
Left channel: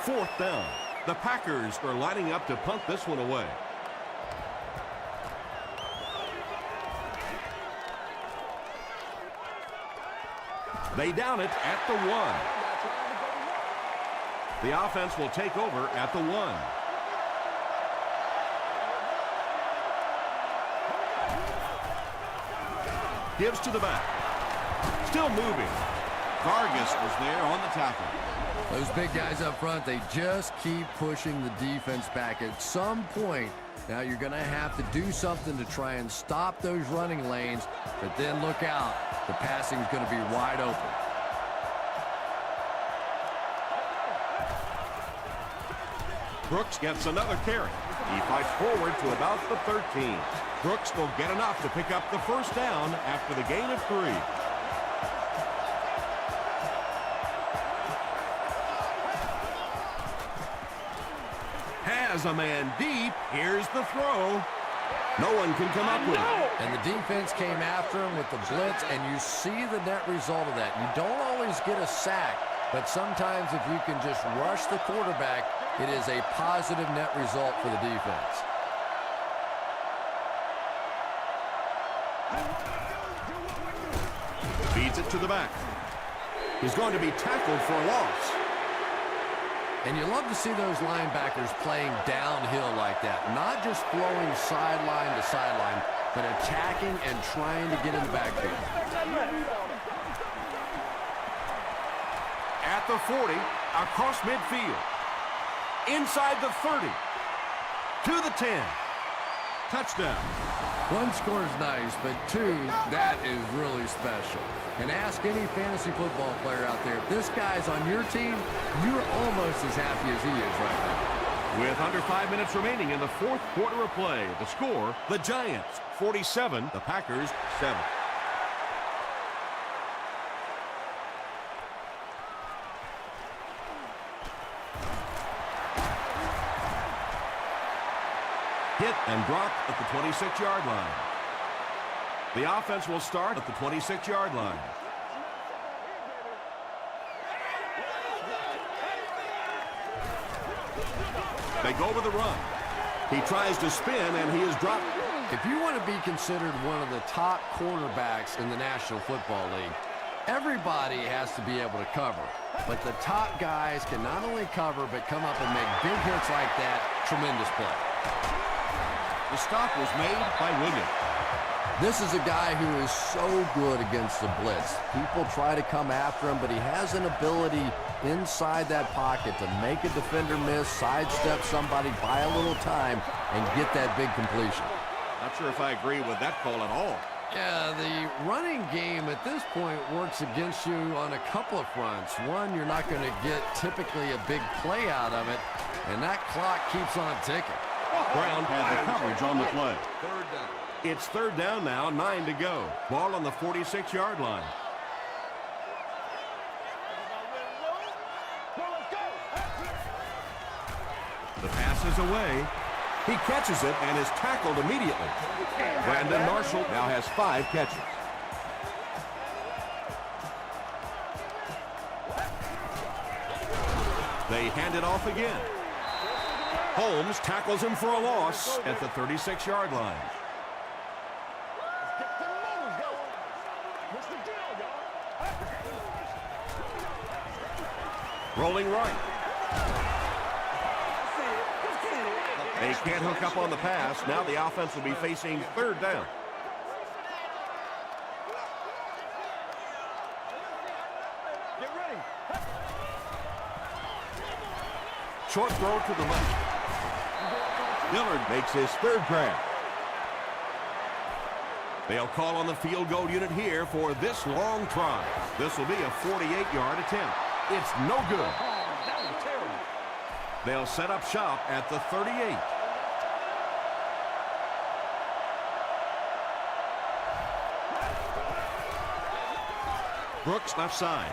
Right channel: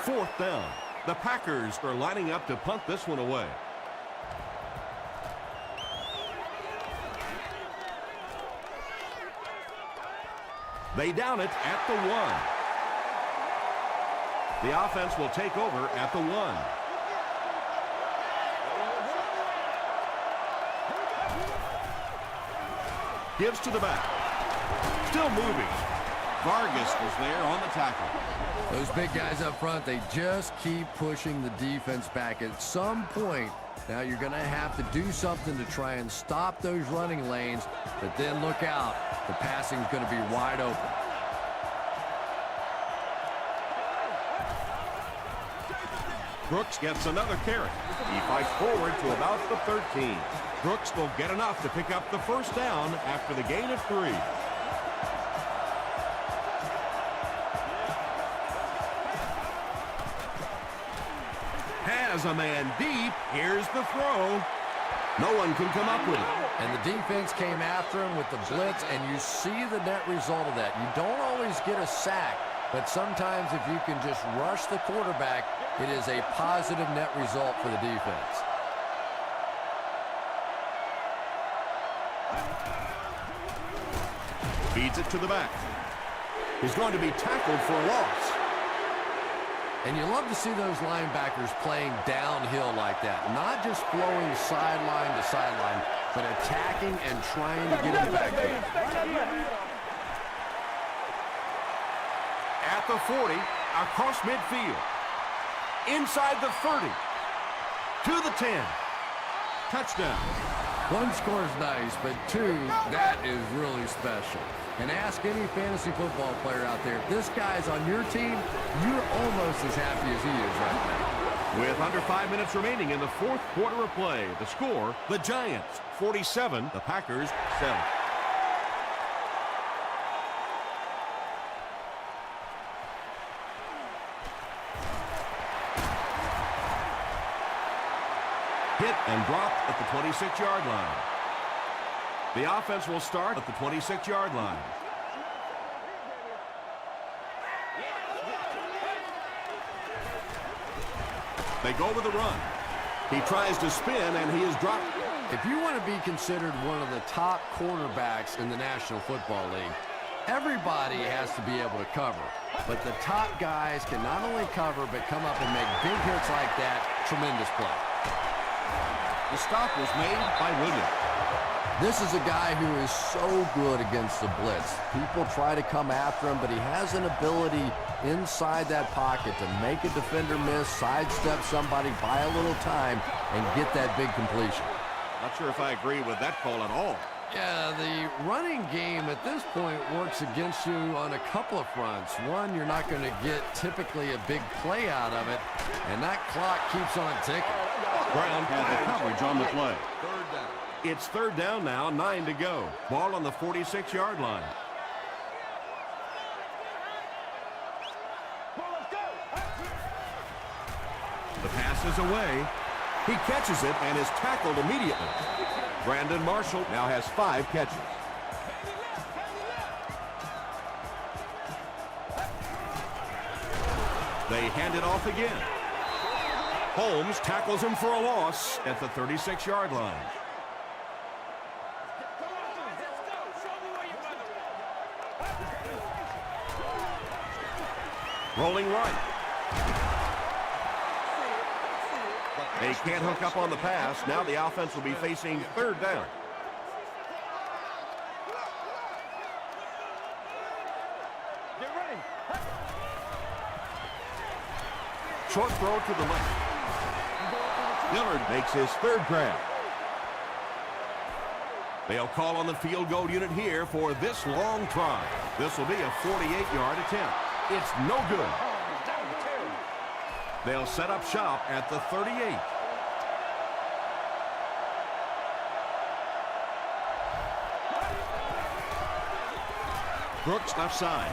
Fourth down. The Packers are lining up to punt this one away. They down it at the 1. The offense will take over at the 1. Gives to the back. Still moving. Vargas was there on the tackle. Those big guys up front, they just keep pushing the defense back. At some point, now you're going to have to do something to try and stop those running lanes, but then look out. The passing is going to be wide open. Brooks gets another carry. He fights forward to about the 13. Brooks will get enough to pick up the first down after the gain of 3. Has a man deep. Here's the throw. No one can come up with it. And the defense came after him with the blitz, and you see the net result of that. You don't always get a sack, but sometimes if you can just rush the quarterback, it is a positive net result for the defense. Feeds it to the back. He's going to be tackled for a loss. And you love to see those linebackers playing downhill like that. Not just flowing sideline to sideline, but attacking and trying to get in the backfield. At the 40, across midfield. Inside the 30. To the 10. Touchdown. One score is nice, but 2, that is really special. And ask any fantasy football player out there, if this guy's on your team, you're almost as happy as he is right now. With under 5 minutes remaining in the fourth quarter of play, the score, the Giants 47, the Packers 7. Hit and dropped at the 26-yard line. The offense will start at the 26-yard line. They go with the run. He tries to spin, and he is dropped. If you want to be considered one of the top cornerbacks in the National Football League, everybody has to be able to cover. But the top guys can not only cover, but come up and make big hits like that. Tremendous play. The stop was made by Williams. This is a guy who is so good against the blitz. People try to come after him, but he has an ability inside that pocket to make a defender miss, sidestep somebody, buy a little time, and get that big completion. Not sure if I agree with that call at all. Yeah, the running game at this point works against you on a couple of fronts. One, you're not going to get typically a big play out of it, and that clock keeps on ticking. Brown has the coverage on the play. Third down. It's third down now, 9 to go. Ball on the 46-yard line. Let's go. The pass is away. He catches it and is tackled immediately. Brandon Marshall now has 5 catches. They hand it off again. Holmes tackles him for a loss at the 36-yard line. Rolling right. They can't hook up on the pass. Now the offense will be facing third down. Get ready. Short throw to the left. Dillard makes his third grab. They'll call on the field goal unit here for this long try. This will be a 48-yard attempt. It's no good. Oh, that was terrible. They'll set up shop at the 38. Brooks left side.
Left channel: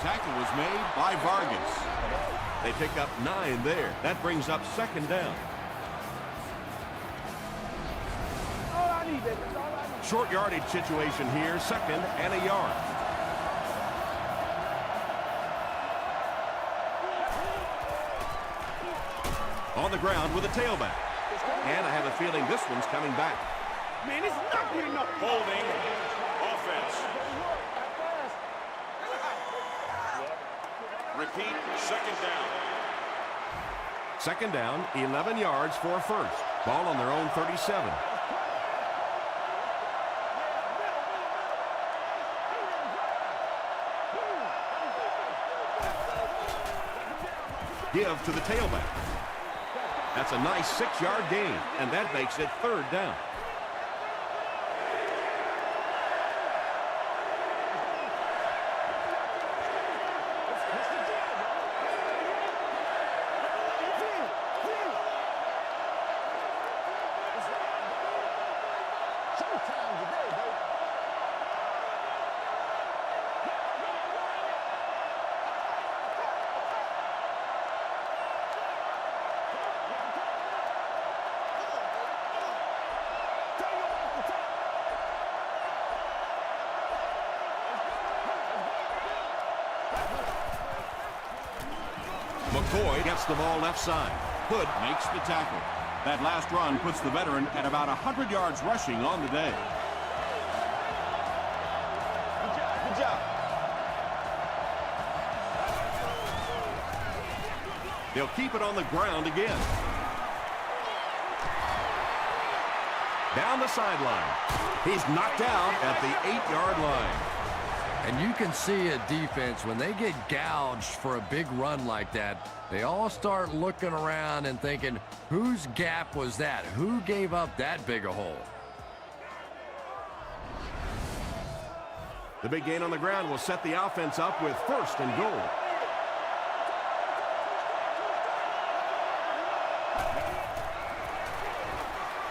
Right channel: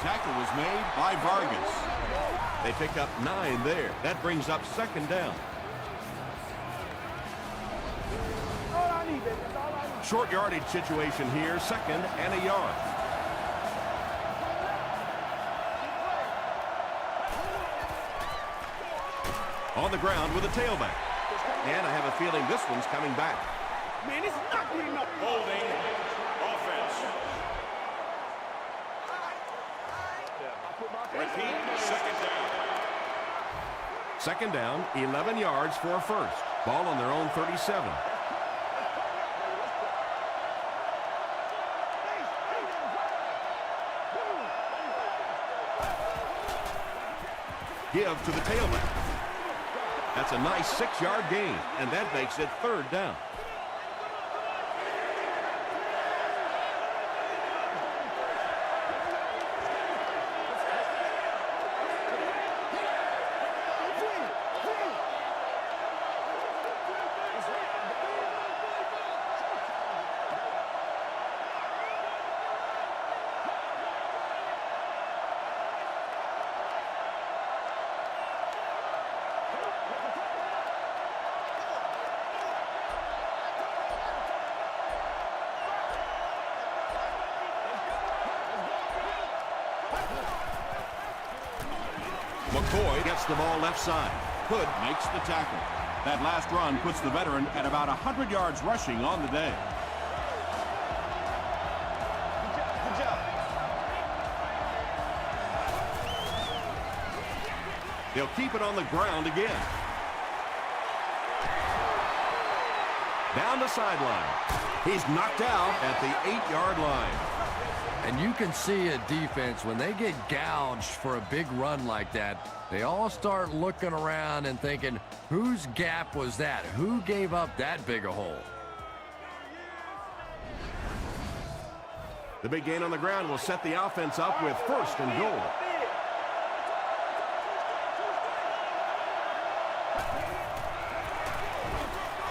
Tackle was made by Vargas. They pick up 9 there. That brings up second down. All I need, baby. That's all I need. Short yardage situation here, second and a yard. On the ground with a tailback. And I have a feeling this one's coming back. Man, it's not good enough. Ball, man. Offense. Second down, 11 yards for a first. Ball on their own 37. Give to the tailback. That's a nice 6-yard gain, and that makes it third down. McCoy gets the ball left side. Hood makes the tackle. That last run puts the veteran at about 100 yards rushing on the day. Good job, good job. They'll keep it on the ground again. Down the sideline. He's knocked out at the 8-yard line. And you can see a defense, when they get gouged for a big run like that, they all start looking around and thinking, whose gap was that? Who gave up that big a hole? The big gain on the ground will set the offense up with first and goal.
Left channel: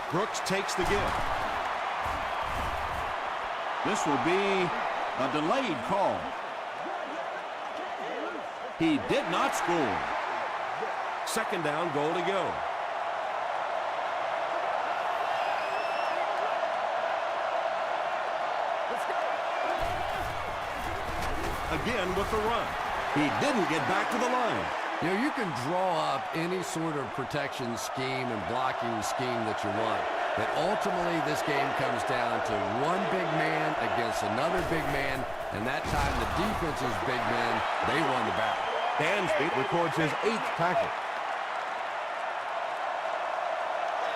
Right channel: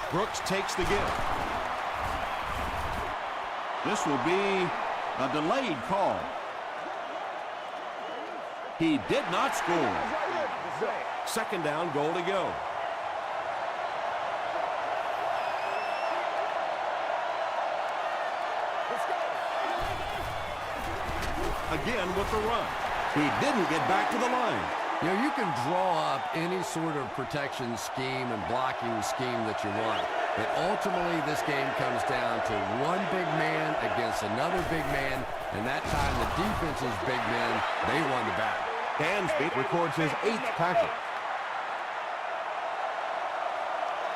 Brooks takes the give. This will be a delayed call. He did not score. Second down, goal to go. Let's go. Again with the run. He didn't get back to the line. You know, you can draw up any sort of protection scheme and blocking scheme that you want. But ultimately, this game comes down to one big man against another big man. And that time, the defense's big men, they won the battle. Dansby records his 8th tackle.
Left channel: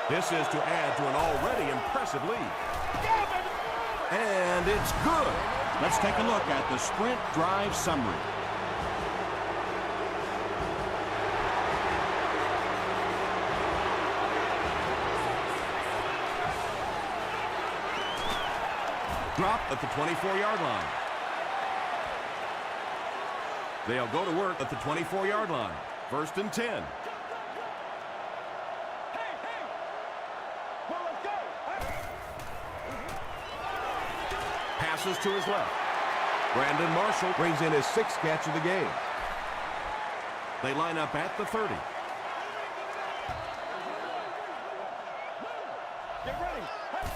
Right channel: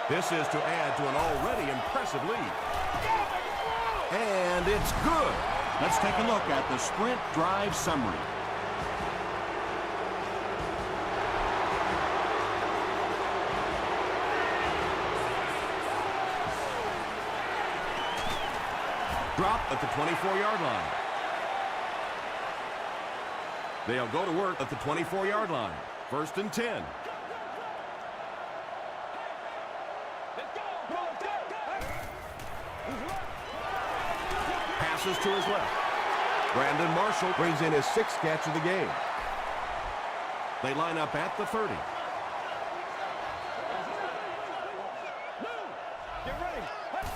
This is to add to an already impressive lead. Yeah, baby, come on! And it's good. Let's take a look at the sprint drive summary. Drop at the 24-yard line. They'll go to work at the 24-yard line. 1st and 10. Go, go, go! Hey, hey! Let's go! Come on, let's go! Hey. Passes to his left. Brandon Marshall brings in his 6th catch of the game. They line up at the 30. Get ready! Hey.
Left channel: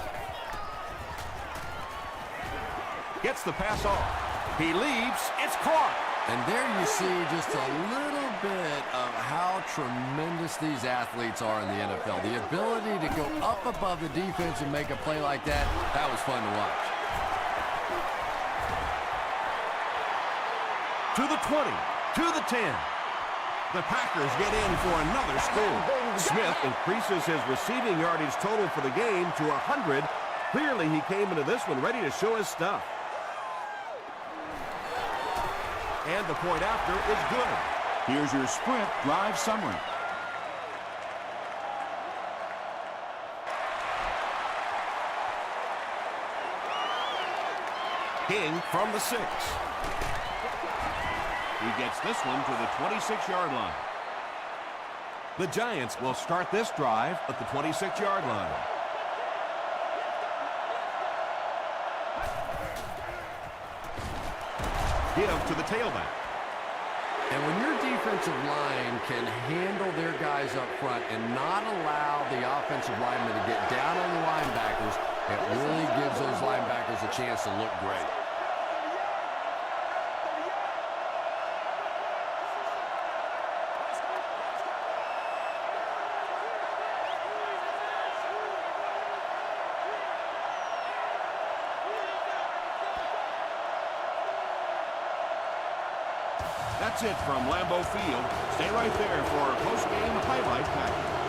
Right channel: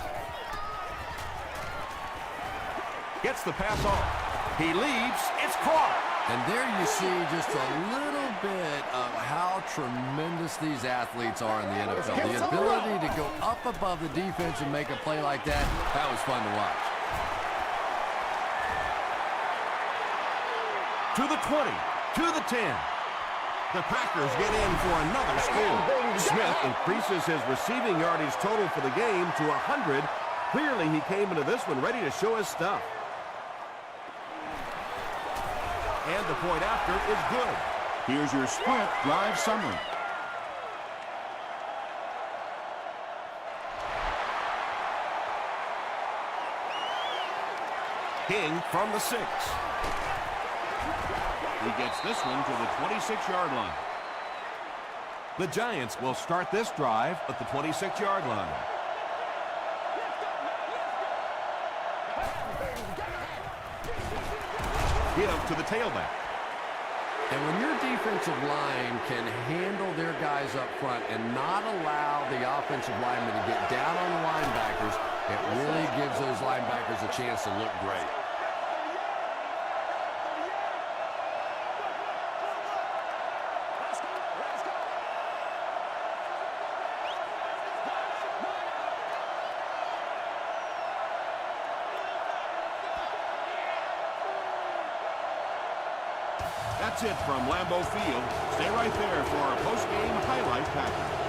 Gets the pass off. He leaps. It's caught. And there you see just a little bit of how tremendous these athletes are in the NFL. The ability to go up above the defense and make a play like that, that was fun to watch. To the 20. To the 10. The Packers get in for another score. Smith increases his receiving yardage total for the game to 100. Clearly, he came into this one ready to show his stuff. And the point after is good. Here's your sprint drive summary. King from the 6. He gets this one to the 26-yard line. The Giants will start this drive at the 26-yard line. Give to the tailback. And when your defensive line can handle their guys up front and not allow the offensive linemen to get down on the linebackers, it really gives those linebackers a chance to look great. That's it from Lambeau Field. Stay right there for our post-game highlight package.